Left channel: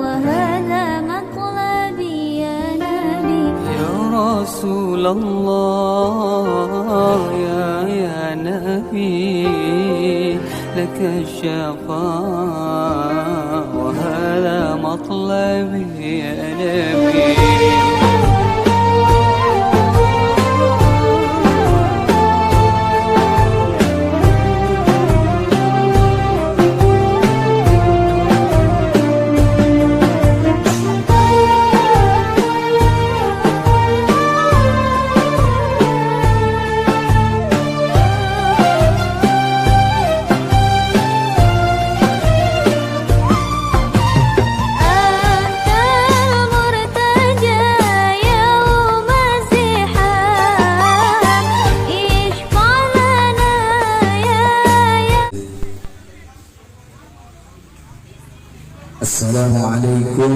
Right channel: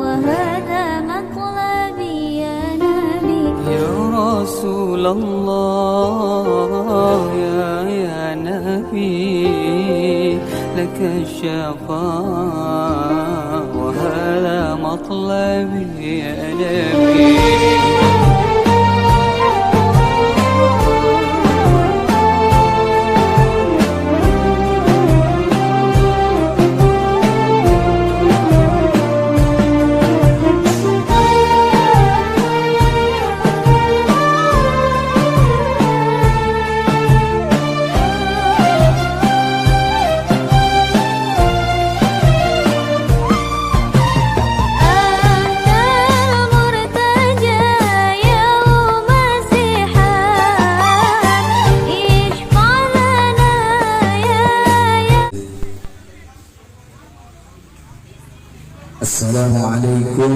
وهذا مطلبي يا نبي يا رسول الله يا نبي لك الشفاعة وهذا مطلبي يا نبي. Assalamualaikum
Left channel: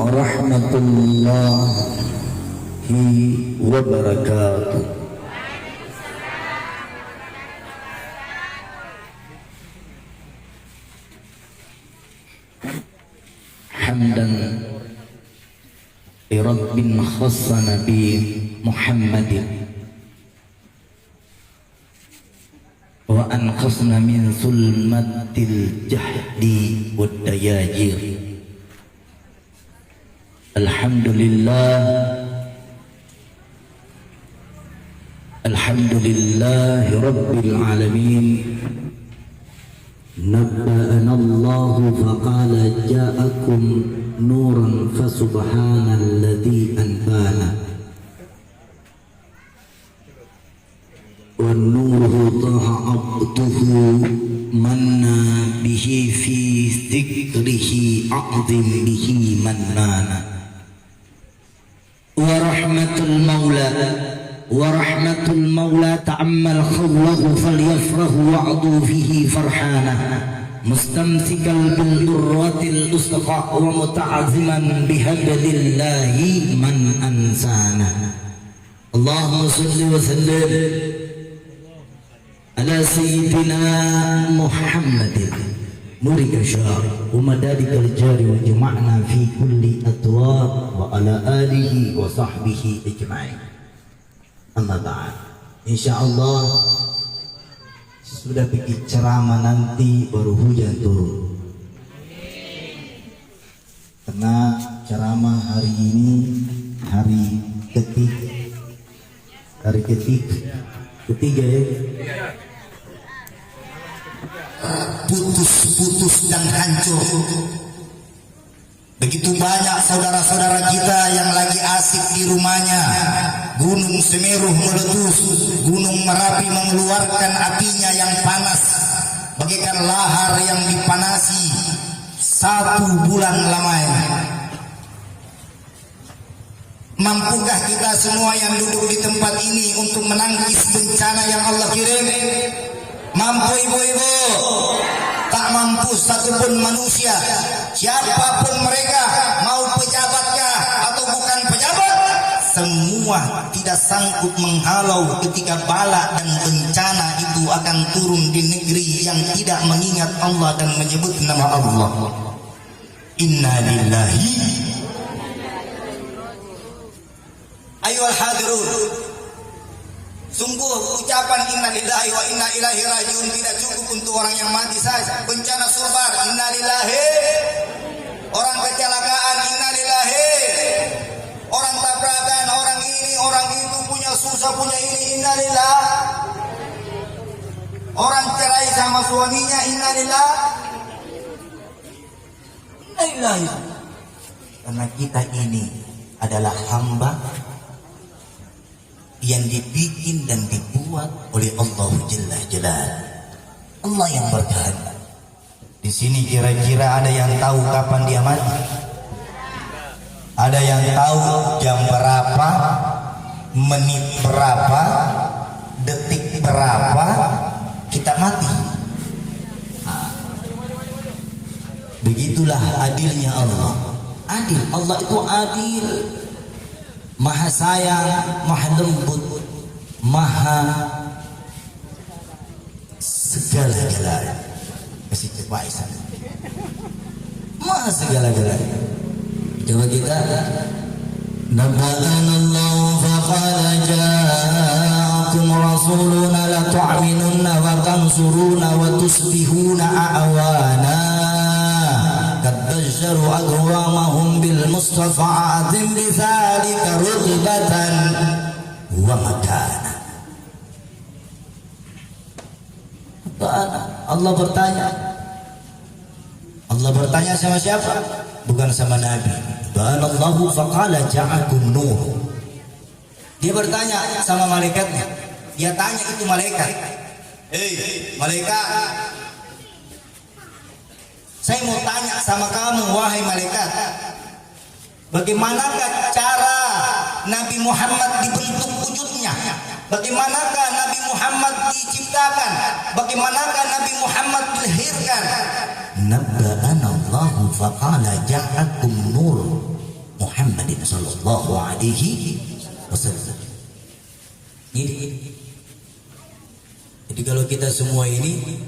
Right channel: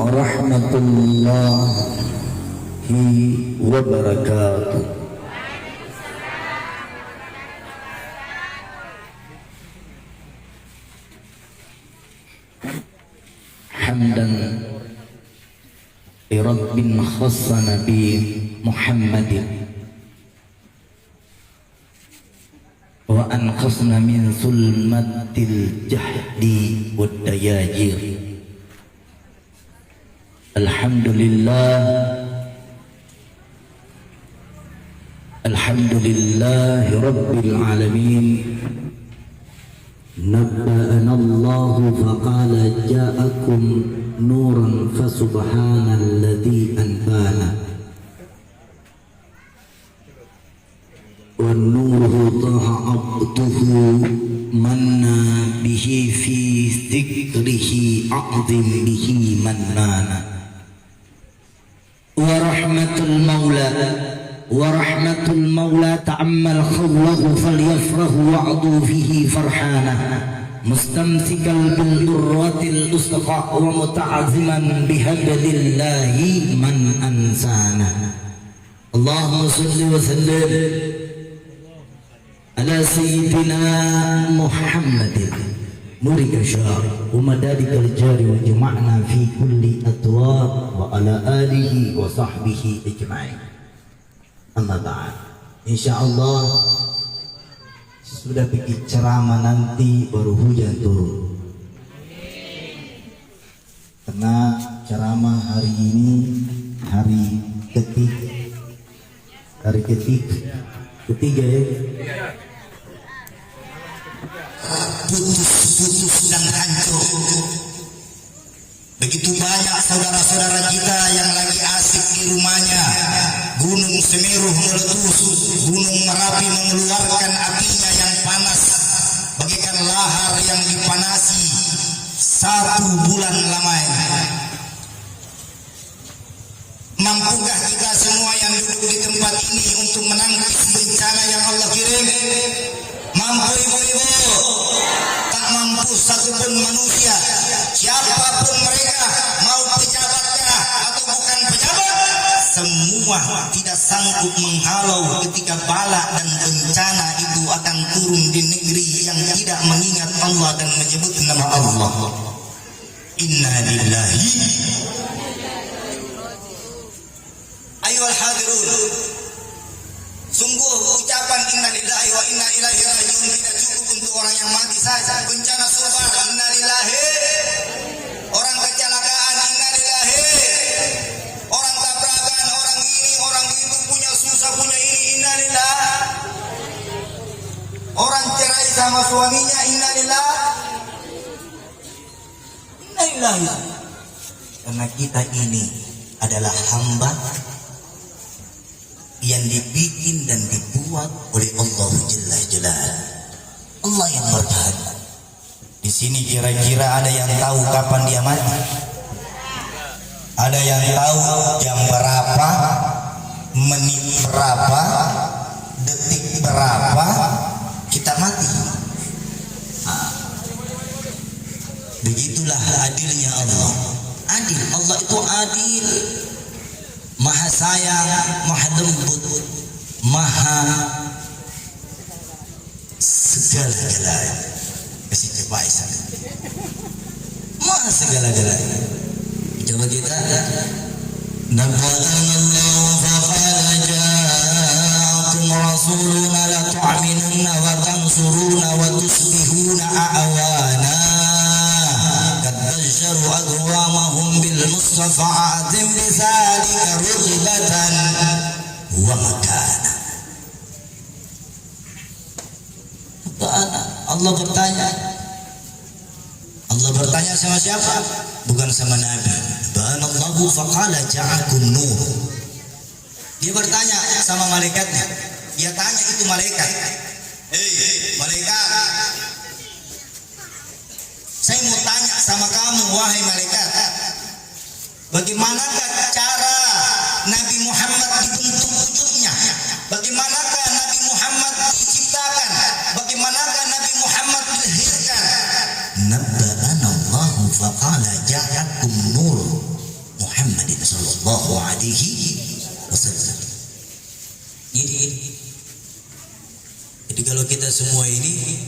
warahmatullahi wabarakatuh. Hamdan li rabbin khassa nabi Muhammadin wa anqasna min sulmatil jahdi wad dayajir. Alhamdulillah alhamdulillahi rabbil alamin. Nabba'ana Allahu faqala ja'akum nuran fasubhanalladzi anbana والنور طه عبده منا به في ذكره أعظم به منانا ورحمة المولى تعمل خوله فليفرح وعضوا فيه فرحانا مستمسكا بالذرة الأسقى ومتعزما بهبل الله من أنسانا. اللهم صل وسلم على سيدنا محمد نورك الشار ومدادك الجار وجمعنا في كل أطوار وعلى آله وصحبه أجمعين. Amma ba'd. Insyaallah sudah bikin ceramah nanti baru hujan turun. Karena ceramah hari ini hari ketiga ya. Putus dan hancur. Begitu banyak saudara-saudara kita yang lagi asik di rumahnya. Gunung Semeru meletus, Gunung Merapi mengeluarkan apinya yang panas bagaikan lahar yang dipanasi 1 bulan lamanya. Mampukah kita semua yang duduk di tempat ini untuk menangkis bencana yang Allah kirim? Mampu ibu-ibu? Tak mampu satupun manusia, siapapun mereka, mau pejabatkah atau bukan pejabat, semua tidak sanggup menghalau ketika bala dan bencana itu akan turun di negeri yang tidak mengingat Allah dan menyebut nama Allah. Inna lillahi. Ayyuhal hadirun, sungguh ucapan inna lillahi wa inna ilaihi rajiun tidak cukup untuk orang yang mati saja. Bencana sumber inna lillahi, orang kecelakaan inna lillahi, orang tabrakan, orang ini, orang itu, punya susah, punya ini, inna lillahi, orang cerai sama suaminya inna lillahi, inna lillahi. Karena kita ini adalah hamba yang dibikin dan dibuat oleh Allah Jalla Jalaluhu. Allah yang bertahan. Di sini kira-kira ada yang tahu kapan dia mati? Ada yang tahu jam berapa, menit berapa, detik berapa kita mati? Begitulah adilnya Allah. Adil, Allah itu adil. Maha sayang, maha lembut, maha segala-galanya. Kasih coba sana. segala-galanya. Coba kita Nabba'ana Allah faqala ja'akum rasuluna la tu'minunna wa tansuruna wa tusbihuna a'wana qad basharu aqwamahum bil mustafa azim bidzalika rutbatan wa makana. Allah bertanya sama siapa? Bukan sama Nabi. Allahu faqala ja'akum nur. Dia bertanya sama malaikatnya. Dia tanya itu malaikat. Hei malaikat, saya mau tanya sama kamu wahai malaikat, bagaimanakah cara Nabi Muhammad dibentuk wujudnya? Bagaimanakah Nabi Muhammad diciptakan? Bagaimanakah Nabi Muhammad dilahirkan? Nabba'ana Allahu faqala ja'akum nur Muhammadin sallallahu alaihi wasallam. Jadi kalau kita semua ini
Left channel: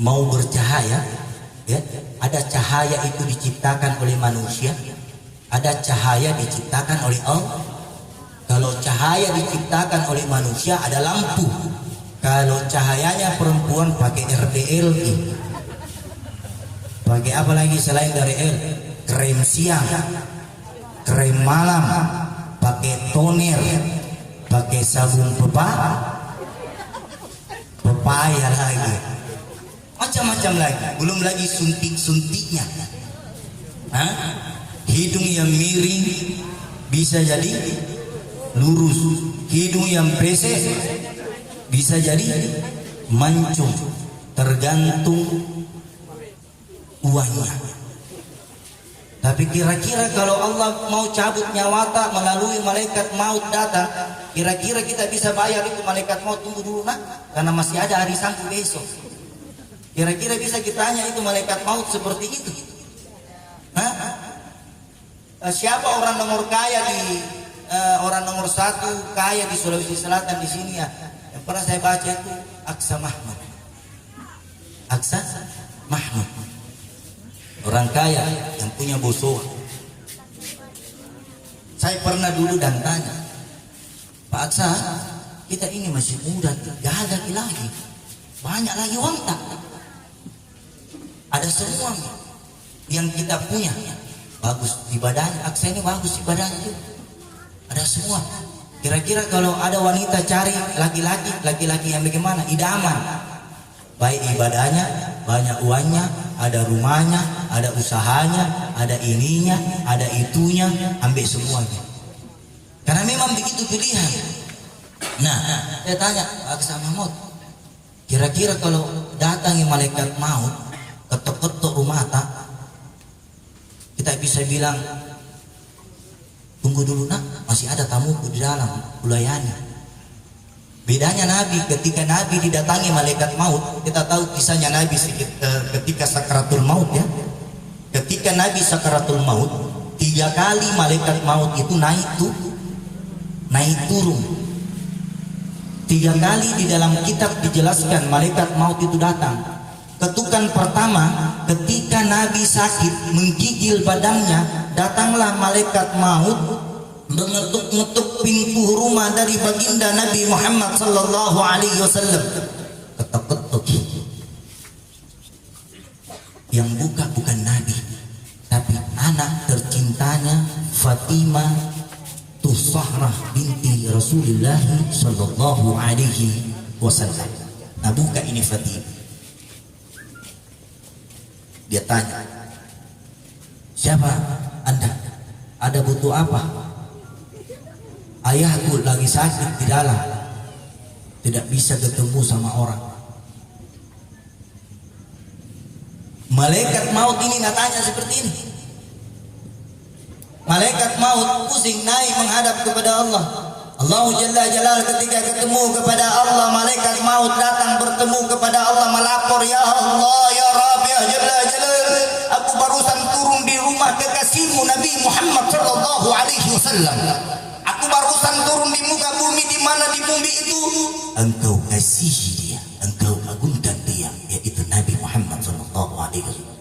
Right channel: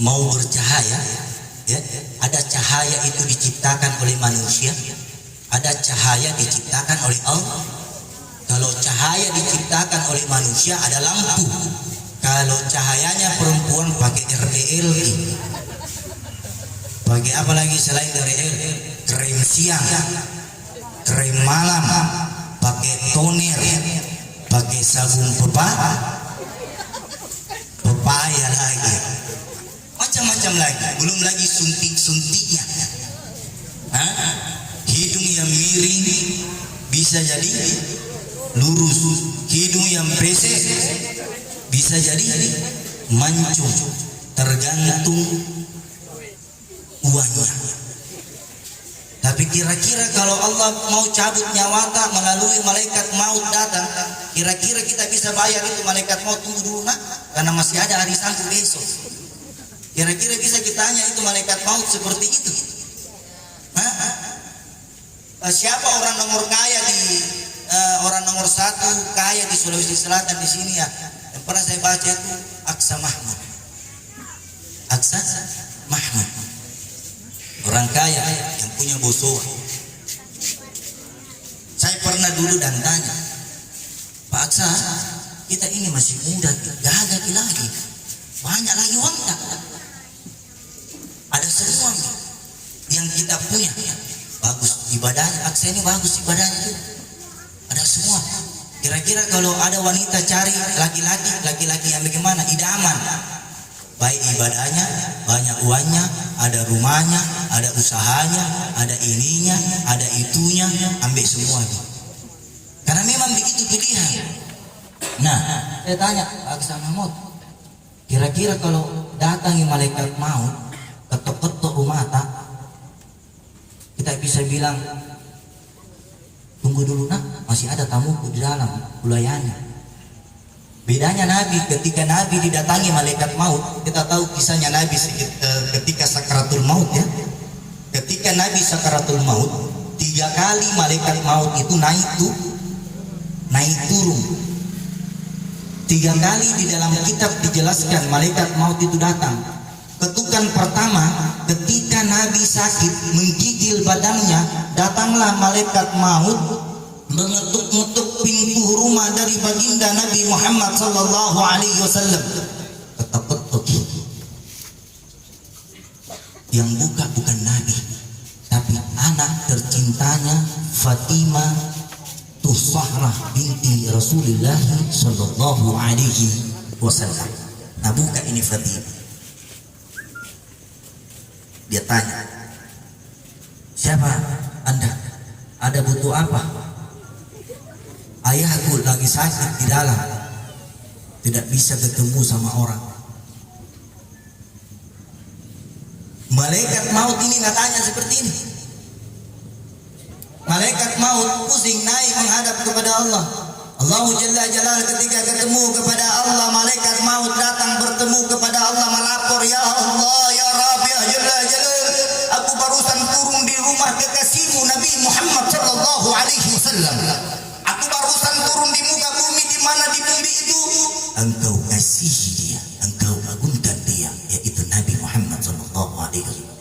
mau bercahaya, ya, ada cahaya itu diciptakan oleh manusia, ada cahaya diciptakan oleh Allah. Kalau cahaya diciptakan oleh manusia ada lampu. Kalau cahayanya perempuan pakai RDLG. Pakai apa lagi selain dari krem siang, krem malam, pakai toner, pakai sabun pepaya lagi, macam-macam lagi. Belum lagi suntik-suntiknya. Hidung yang miring bisa jadi lurus, hidung yang pesek bisa jadi mancung, tergantung uangnya. Tapi kira-kira kalau Allah mau cabut nyawa tak melalui malaikat maut datang, kira-kira kita bisa bayar itu malaikat maut? Tunggu dulu nak, karena masih ada hari Sabtu besok. Kira-kira bisa kita tanya itu malaikat maut seperti itu? Siapa orang nomor kaya orang nomor 1 kaya di Sulawesi Selatan di sini ya? Yang pernah saya baca itu Aksa Mahmud. Aksa Mahmud. Orang kaya yang punya boso. Saya pernah dulu dan tanya, Pak Aksa, kita ini masih muda, gagah lagi, banyak lagi uang tak? Ada semua yang kita punya, bagus ibadahnya. Aksa ini bagus ibadahnya tuh, ada semua. Kira-kira kalau ada wanita cari laki-laki yang bagaimana? Idaman, baik ibadahnya, banyak uangnya, ada rumahnya, ada usahanya, ada ininya, ada itunya, ambil semuanya. Karena memang begitu pilihan. Nah, saya tanya Aksa Mahmud, kira-kira kalau datang malaikat maut, ketok-ketok rumah tak, kita bisa bilang, tunggu dulu nak, masih ada tamuku di dalam, kulayani. Bedanya Nabi, ketika Nabi didatangi malaikat maut, kita tahu kisahnya Nabi ketika sakaratul maut ya. Ketika Nabi sakaratul maut, 3 kali malaikat maut itu naik turun. 3 kali di dalam kitab dijelaskan malaikat maut itu datang. Ketukan pertama, ketika Nabi sakit menggigil badannya, datanglah malaikat maut mengetuk-ngetuk pintu rumah dari baginda Nabi Muhammad sallallahu alaihi wasallam. Ketuk-ketuk. Yang buka bukan Nabi, tapi anak tercintanya Fatimah Zahra binti Rasulullah sallallahu alaihi wasallam. Nah, buka ini Fatimah. Dia tanya, siapa Anda? Ada butuh apa? Ayahku lagi sakit di dalam, tidak bisa ketemu sama orang. Malaikat maut ini katanya seperti ini. Malaikat maut pusing naik menghadap kepada Allah. Allah Jalla Jalal ketika ketemu kepada Allah, malaikat maut datang bertemu kepada Allah melapor, ya Allah, ya Rabbi, ya Jalla Jalal, aku barusan turun di rumah kekasihmu Nabi Muhammad sallallahu alaihi wasallam. Aku barusan turun di muka bumi, di mana di bumi itu engkau kasihi dia, engkau agungkan dia, yaitu Nabi Muhammad sallallahu alaihi wasallam.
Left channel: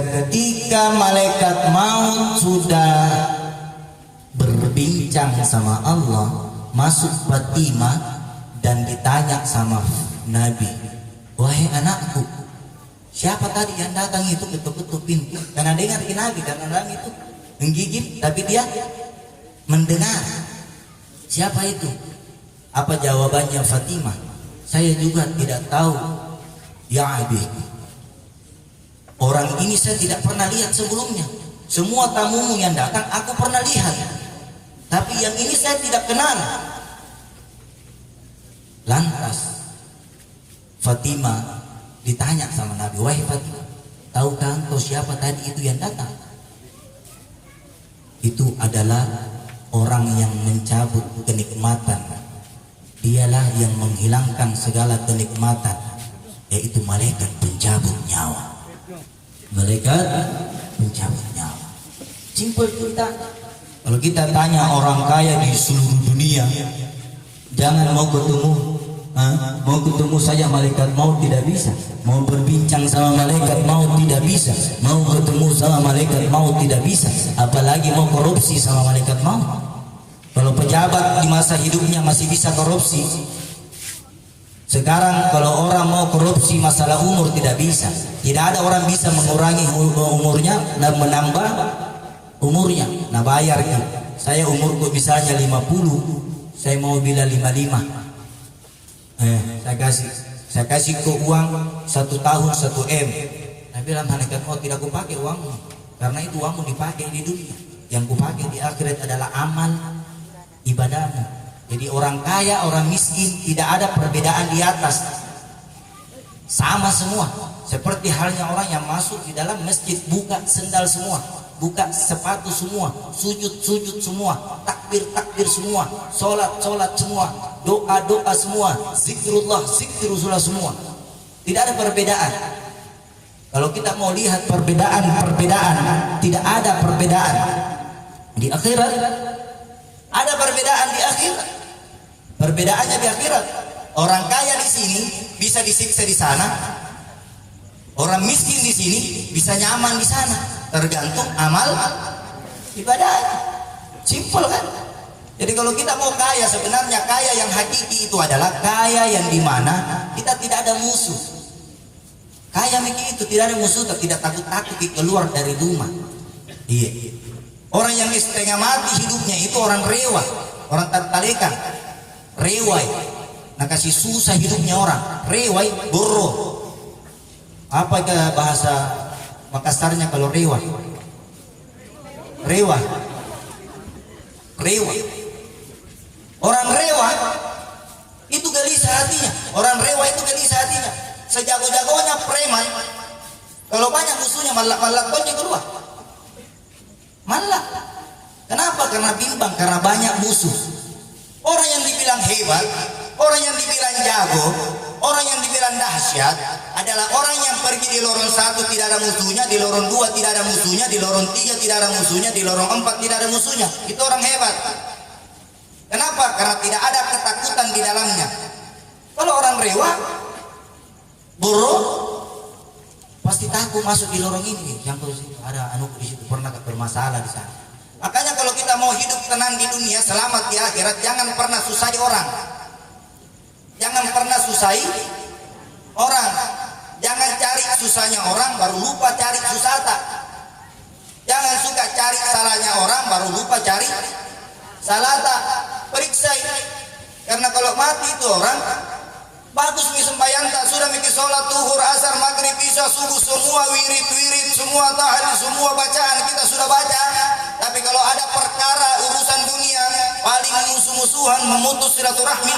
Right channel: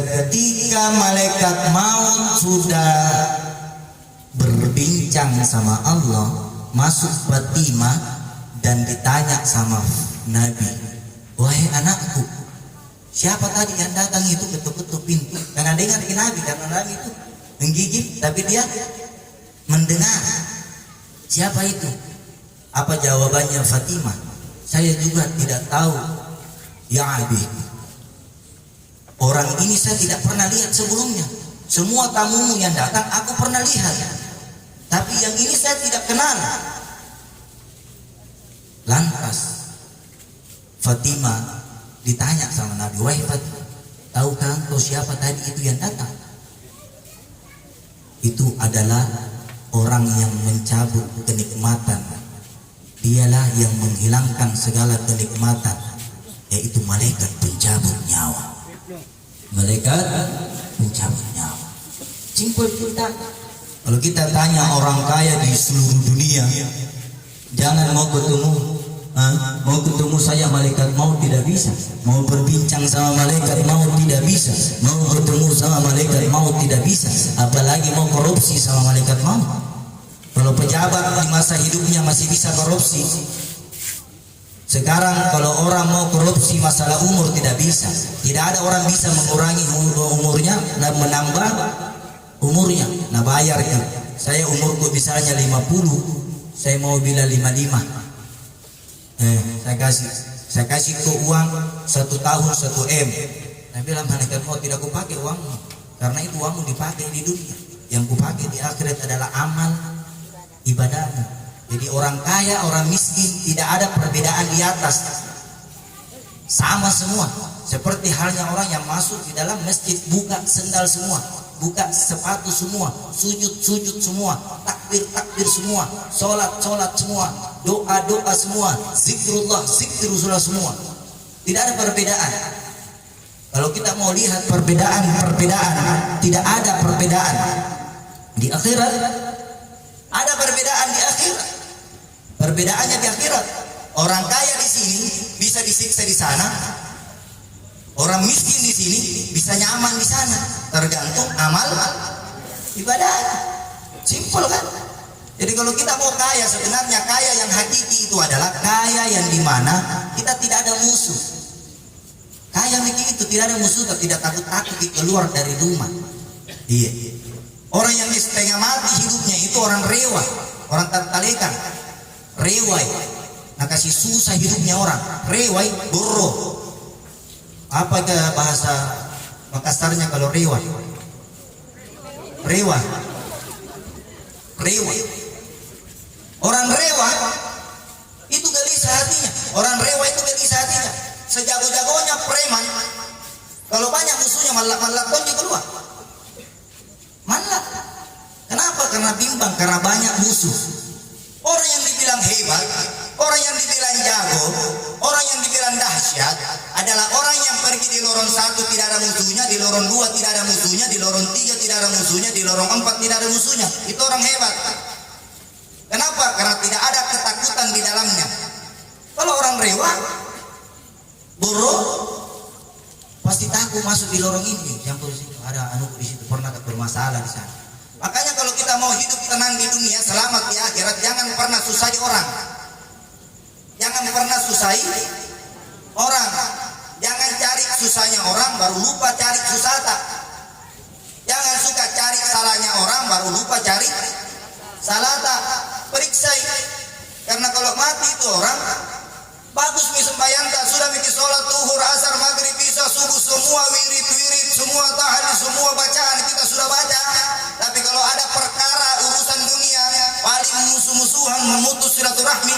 ketika malaikat maut sudah berbincang sama Allah, masuk Fatimah dan ditanya sama Nabi, wahai anakku, siapa tadi yang datang itu ketuk-ketuk pintu? Karena dengar Nabi, karena Nabi itu menggigit, tapi dia mendengar. Siapa itu? Apa jawabannya Fatimah? Saya juga tidak tahu, ya Abi. Orang ini saya tidak pernah lihat sebelumnya. Semua tamumu yang datang aku pernah lihat, tapi yang ini saya tidak kenal. Lantas Fatimah ditanya sama Nabi, wahai Fatimah, tahukah engkau siapa tadi itu yang datang? Itu adalah orang yang mencabut kenikmatan. Dialah yang menghilangkan segala kenikmatan, yaitu malaikat pencabut nyawa. Malaikat pencabut nyawa. Simpel cerita. Kalau kita tanya orang kaya di seluruh dunia, jangan mau ketemu saya malaikat maut tidak bisa. Mau berbincang sama malaikat maut tidak bisa. Mau ketemu sama malaikat maut tidak bisa. Apalagi mau korupsi sama malaikat maut. Kalau pejabat di masa hidupnya masih bisa korupsi, sekarang kalau orang mau korupsi masalah umur tidak bisa. Tidak ada orang bisa mengurangi umurnya dan menambah umurnya. Nah bayar ya. Saya umurku misalnya 50, saya mau bilang 55. Saya kasih ke uang 1 tahun 1 M. Saya bilang malaikat mau tidak aku pakai uangmu, karena itu uangmu dipakai di dunia. Yang ku pakai di akhirat adalah amal ibadahmu. Jadi orang kaya, orang miskin tidak ada perbedaan di atas, sama semua. Seperti halnya orang yang masuk di dalam masjid, buka sendal semua, buka sepatu semua, sujud semua, takbir semua, sholat semua, doa semua, zikrullah semua. Tidak ada perbedaan. Kalau kita mau lihat perbedaan, tidak ada perbedaan di akhirat. Ada perbedaan di akhirat. Perbedaannya di akhirat, orang kaya di sini bisa disiksa di sana, orang miskin di sini bisa nyaman di sana, tergantung amal ibadah. Simpel kan? Jadi kalau kita mau kaya, sebenarnya kaya yang hakiki itu adalah kaya yang dimana kita tidak ada musuh. Kaya mikir itu tidak ada musuh, tidak takut keluar dari rumah. Iya. Orang yang setengah mati hidupnya itu orang rewa, orang tatalekan, rewai. Nah kasih susah hidupnya orang, rewai, boro. Apa itu bahasa Makassarnya kalau rewa? Rewa. Orang rewa itu gelisah hatinya. Orang rewa itu gelisah hatinya. Sejago-jagonya preman, kalau banyak musuhnya malak-malak dia keluar. Malah, kenapa? Karena bimbang, karena banyak musuh. Orang yang dibilang hebat, orang yang dibilang jago, orang yang dibilang dahsyat adalah orang yang pergi di lorong 1 tidak ada musuhnya, di lorong 2 tidak ada musuhnya, di lorong 3 tidak ada musuhnya, di lorong 4 tidak ada musuhnya. Itu orang hebat. Kenapa? Karena tidak ada ketakutan di dalamnya. Kalau orang rewa, buruk, pasti takut masuk di lorong ini. Campur situ ada anu di situ, pernah bermasalah di sana. Makanya kalau kita mau hidup tenang di dunia, selamat di akhirat, jangan pernah susahi orang. Jangan pernah susahi orang. Jangan cari susahnya orang baru lupa cari susata. Jangan suka cari salahnya orang baru lupa cari salata. Periksa. Karena kalau mati itu orang bagus mi sembahyang tak sudah mikir sholat zuhur, asar, maghrib, isya, subuh, semua wirid, semua tahlil, semua bacaan kita sudah baca. Tapi kalau ada perkara urusan dunia paling musuh-musuhan, memutus silaturahmi,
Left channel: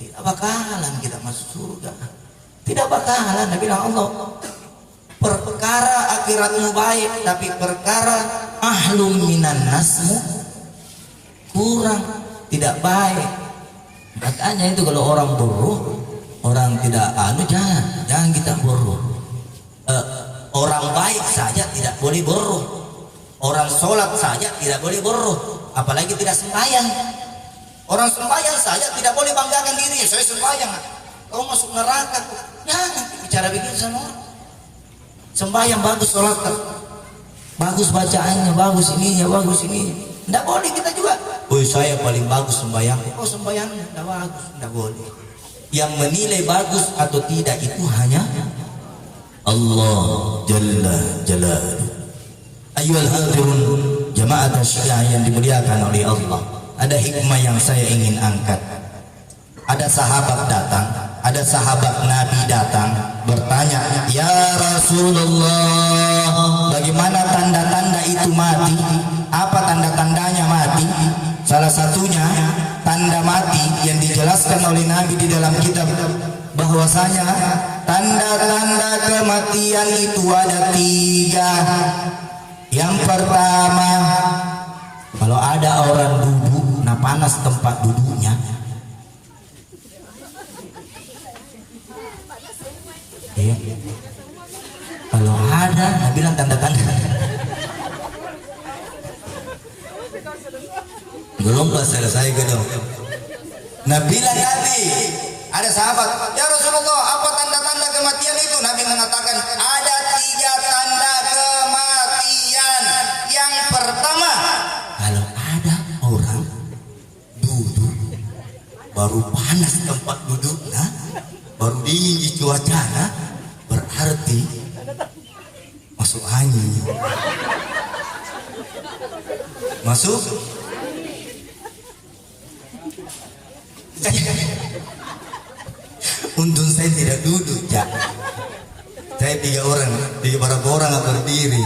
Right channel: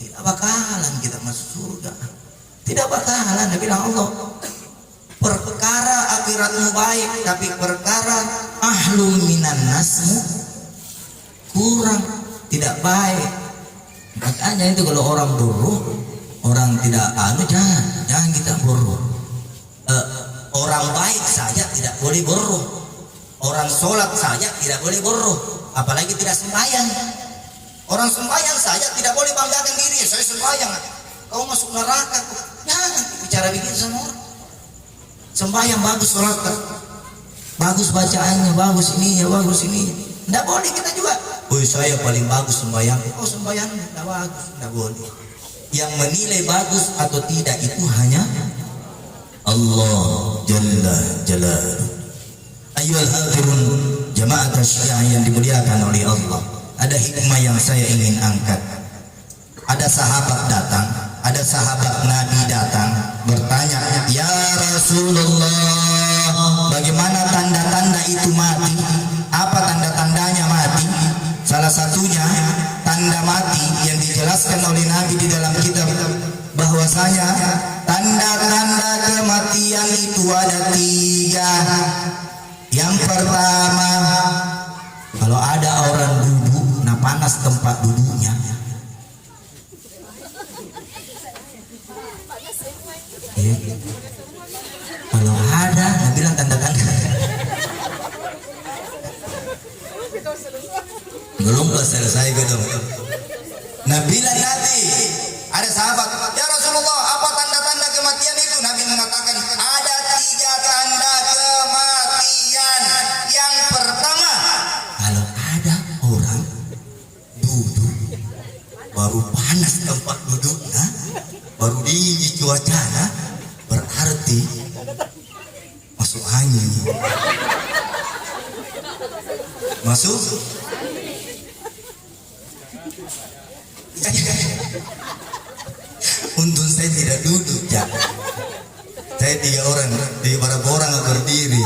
tidak bakalan kita masuk surga. Tidak bakalan. Nabi bilang Allah, perkara akhiratmu baik, tapi perkara ahlum minan nasmu kurang, tidak baik. Makanya itu kalau orang bodoh, orang tidak jangan kita bodoh. Orang baik saja tidak boleh bodoh. Orang sholat saja tidak boleh bodoh, apalagi tidak sembahyang. Orang sembahyang saja tidak boleh banggakan diri, saya sembahyang, kau masuk neraka. Jangan bicara begitu sama orang. Sembahyang bagus sholat, bagus bacaannya, bagus ininya, bagus ini. Tidak boleh kita juga. Oh saya paling bagus sembahyang. Oh sembahyangnya tidak bagus, tidak boleh. Yang menilai bagus atau tidak itu hanya Allah Jalla Jalaluhu. Ayyuhal hadirun jamaah syiah yang dimuliakan oleh Allah. Ada hikmah yang saya ingin angkat. Ada sahabat datang, ada sahabat Nabi datang bertanya, "Ya Rasulullah, bagaimana tanda-tanda itu mati? Apa tanda-tandanya mati?" Salah satunya tanda mati yang dijelaskan oleh Nabi di dalam kitab bahwasanya tanda-tanda kematian itu ada 3. Yang pertama, kalau ada orang duduk, nah panas tempat duduknya. Ya. Kalau ada, nah bilang tanda-tanda. Belum selesai gitu. Nah bila Nabi ada sahabat, "Ya Rasulullah, apa tanda-tanda kematian itu?" Nabi mengatakan ada 3 tanda kematian. Yang pertama, kalau ada orang duduk baru panas tempat duduknya, baru dingin cuacanya, berarti masuk angin. Masuk. Untung saya tidak duduk, Cak. Saya 3 orang berdiri,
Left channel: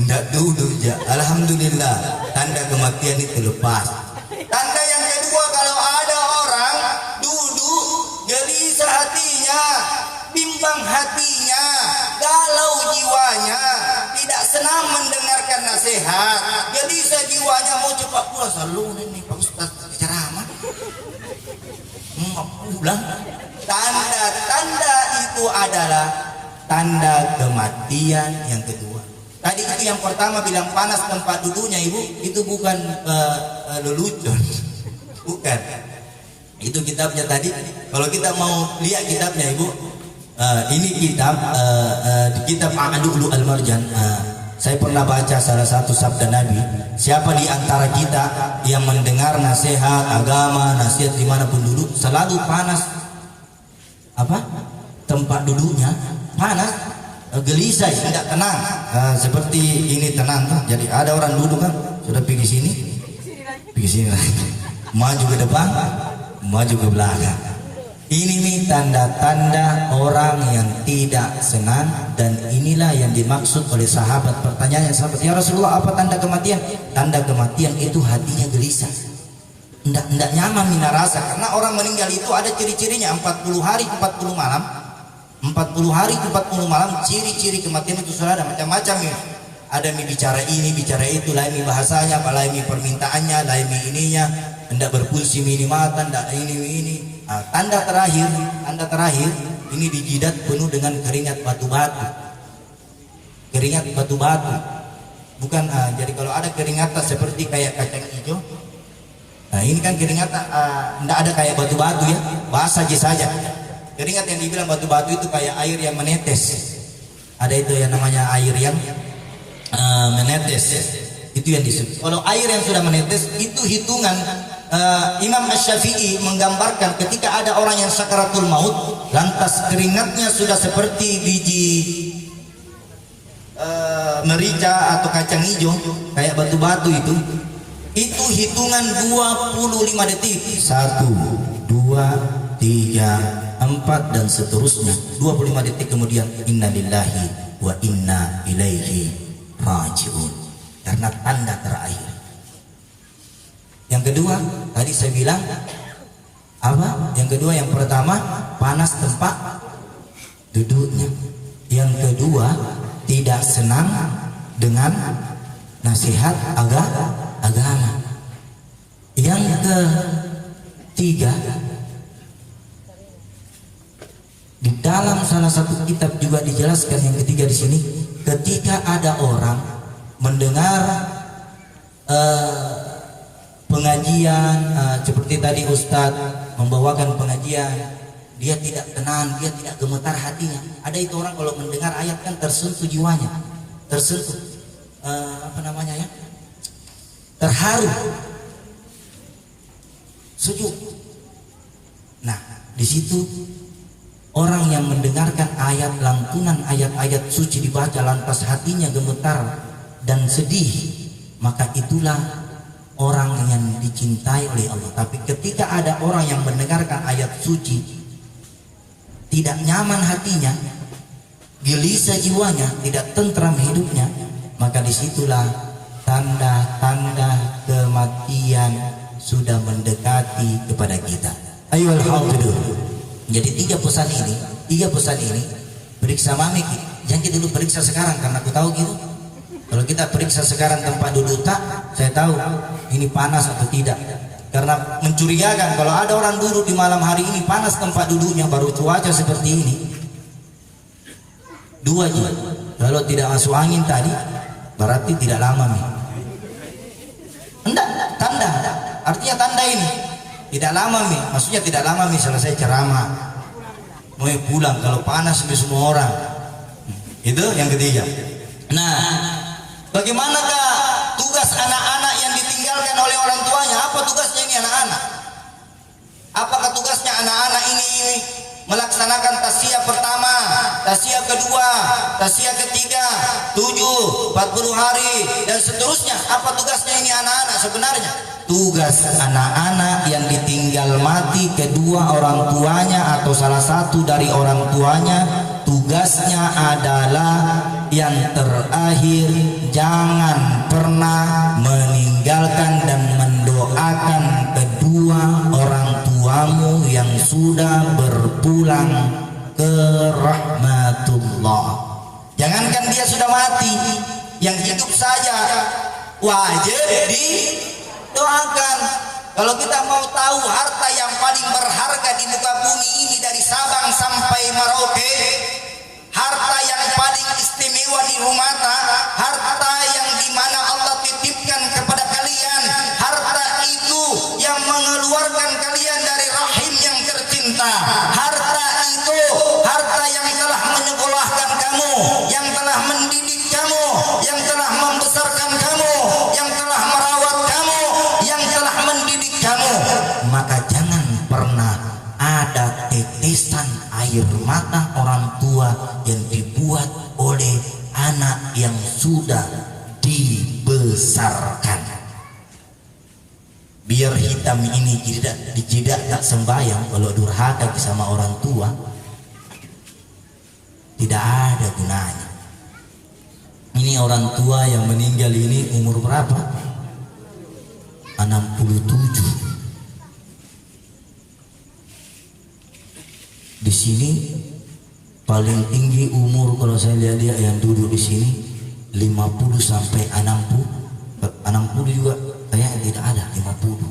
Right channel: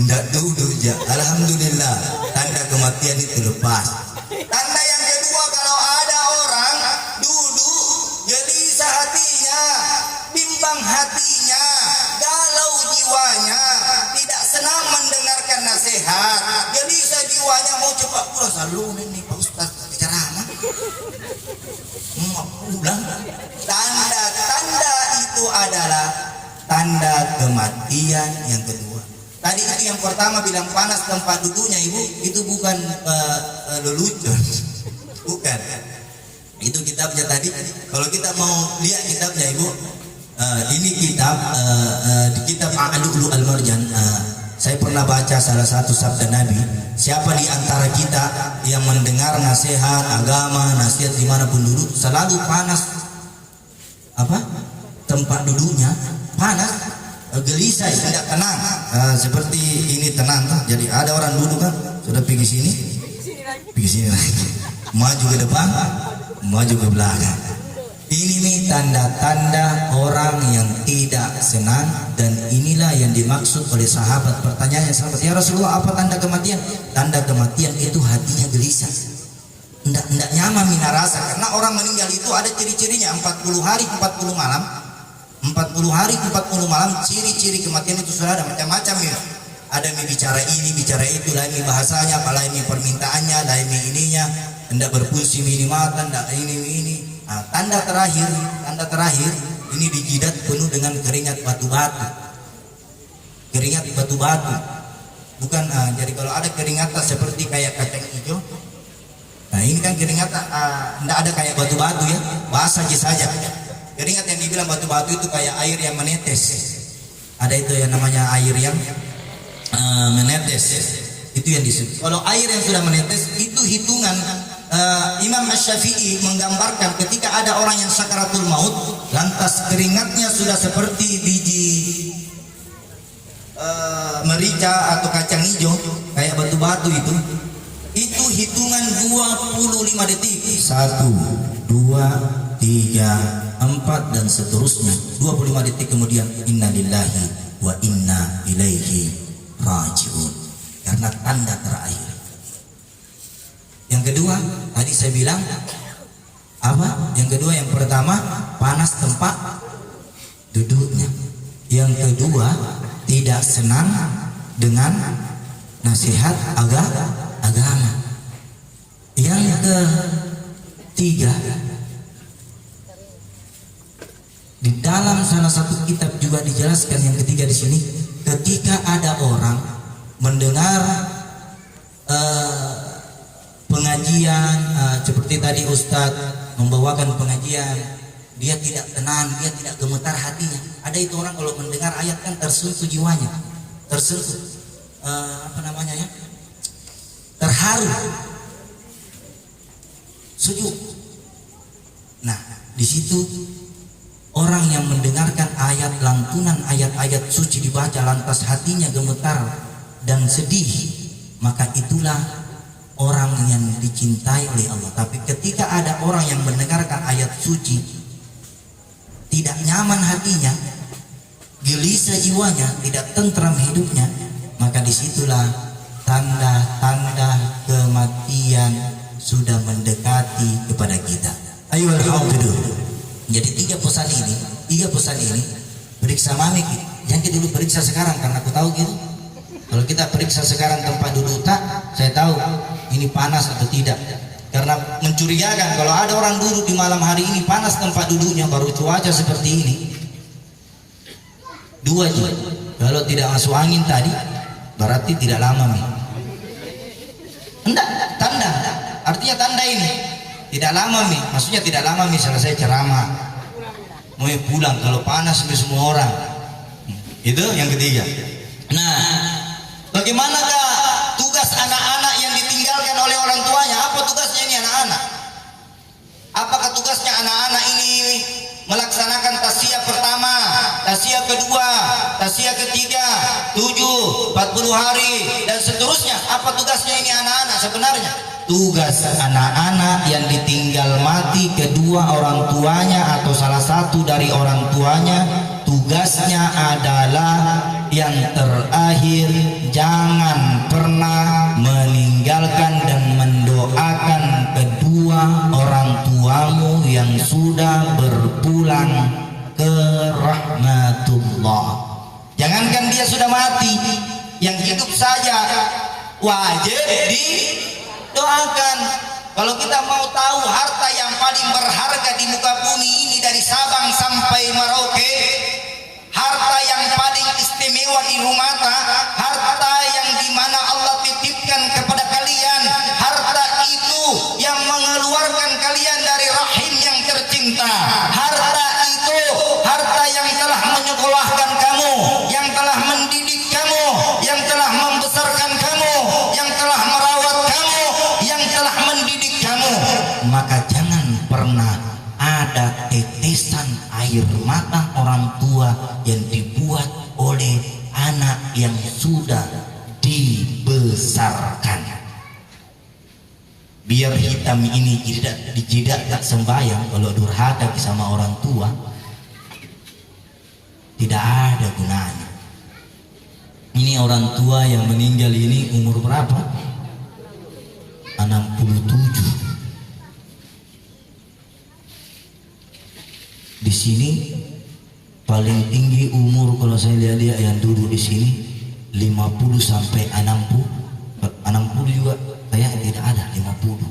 tidak duduk, Cak. Alhamdulillah, tanda kematian itu lepas. Tanda yang kedua, kalau ada orang duduk, gelisah hatinya, bimbang hatinya, galau jiwanya, tidak senang mendengarkan nasihat, gelisah jiwanya, mau cepat pulang. Selalu ini Pak Ustaz ceramah. Pulang. Tanda-tanda itu adalah tanda kematian yang kedua. Tadi itu yang pertama bilang panas tempat duduknya, Ibu, itu bukan lelucon. Bukan. Itu kitabnya tadi. Kalau kita mau lihat kitabnya, Ibu, ini kitab kitab Al-Lu'lu' Al-Marjan. Saya pernah baca salah satu sabda Nabi, siapa di antara kita yang mendengar nasihat agama, nasihat dimanapun duduk, selalu panas tempat duduknya, panas, gelisah, tidak tenang. Seperti ini tenang kan? Jadi ada orang duduk kan, sudah pergi sini lagi, maju ke depan, maju ke belakang. Ini nih tanda-tanda orang yang tidak senang, dan inilah yang dimaksud oleh sahabat. Pertanyaannya sahabat, "Ya Rasulullah, apa tanda kematian?" Tanda kematian itu hatinya gelisah, tidak nyaman mina rasa, karena orang meninggal itu ada ciri-cirinya, 40 hari 40 malam. 40 hari 40 malam ciri-ciri kematian itu sudah ada macam-macam ya. Ada mi bicara ini, bicara itu, lain mi bahasanya, lain mi permintaannya, lain mi ininya, hendak berfungsi minimatan, hendak ini. Tanda terakhir ini di jidat penuh dengan keringat batu-batu. Keringat batu-batu. Bukan jadi kalau ada keringatan seperti kayak kacang hijau. Nah, ini kan keringatan tidak ada kayak batu-batu ya, basah saja. Keringat yang dibilang batu-batu itu kayak air yang menetes. Ada itu yang namanya air yang menetes. Itu yang disebut. Kalau air yang sudah menetes itu hitungan. Imam Asy-Syafi'i menggambarkan ketika ada orang yang sakaratul maut, lantas keringatnya sudah seperti biji merica atau kacang hijau kayak batu-batu itu hitungan 25 detik, 1, 2, 3, 4 dan seterusnya. 25 detik kemudian innalillahi wa inna ilaihi raji'un, karena tanda terakhir. Yang kedua, tadi saya bilang apa? Yang kedua, yang pertama panas tempat duduknya. Yang kedua, tidak senang dengan nasihat agama. Yang ketiga, di dalam salah satu kitab juga dijelaskan yang ketiga di sini, ketika ada orang mendengar pengajian seperti tadi Ustadz membawakan pengajian, dia tidak tenang, dia tidak gemetar hatinya. Ada itu orang kalau mendengar ayat kan tersentuh jiwanya, tersentuh terharu, sujud. Nah, di situ orang yang mendengarkan ayat lantunan ayat-ayat suci dibaca lantas hatinya gemetar dan sedih, maka itulah orang yang dicintai oleh Allah. Tapi ketika ada orang yang mendengarkan ayat suci tidak nyaman hatinya, gelisah jiwanya, tidak tentram hidupnya, maka disitulah tanda-tanda kematian sudah mendekati kepada kita. Ayo alhamdulillah. Jadi tiga pesan ini periksa mami. Jangan dulu periksa sekarang karena aku tahu gitu. Kalau kita periksa sekarang tempat duduk tak, saya tahu ini panas atau tidak. Karena mencurigakan kalau ada orang duduk di malam hari ini panas tempat duduknya, baru cuaca seperti ini. Dua juga. Kalau tidak masuk angin tadi, berarti tidak lama nih. Enggak, tanda. Artinya tanda ini tidak lama nih. Maksudnya tidak lama nih selesai ceramah. Mau pulang kalau panas nih semua orang. Itu yang ketiga. Nah, bagaimanakah tugas anak-anak yang ditinggalkan oleh orang tuanya? Apa tugasnya ini anak-anak? Apakah tugasnya anak-anak ini melaksanakan tasya pertama, tasya kedua, tasya ketiga, 7, 40 hari dan seterusnya? Apa tugasnya ini anak-anak sebenarnya? Tugas anak-anak yang ditinggal mati kedua orang tuanya atau salah satu dari orang tuanya, tugasnya adalah yang terakhir, jangan pernah meninggalkan dan mendoakan kedua orang tuamu yang sudah berpulang ke rahmatullah. Jangankan dia sudah mati, yang hidup saja wajib didoakan. Kalau kita mau tahu harta yang paling berharga di muka bumi ini dari Sabang sampai Merauke, harta yang paling istimewa di rumata, harta yang dimana Allah titipkan kepada kalian, harta itu yang mengeluarkan kalian dari rahim yang tercinta, harta itu harta yang telah menyekolahkan kamu, yang telah mendidik kamu, yang telah membesarkan kamu, yang telah merawat kamu, yang telah mendidik kamu. Maka jangan pernah ada tetesan air mata orang tua yang dibuat oleh anak yang sudah dibesarkan. Biar hitam ini tidak tak sembahyang, kalau durhaka sama orang tua tidak ada gunanya. Ini orang tua yang meninggal ini umur berapa? 67. Di sini paling tinggi umur kalau saya lihat dia yang duduk di sini 50 sampai 60. 60 juga kayak tidak ada 50.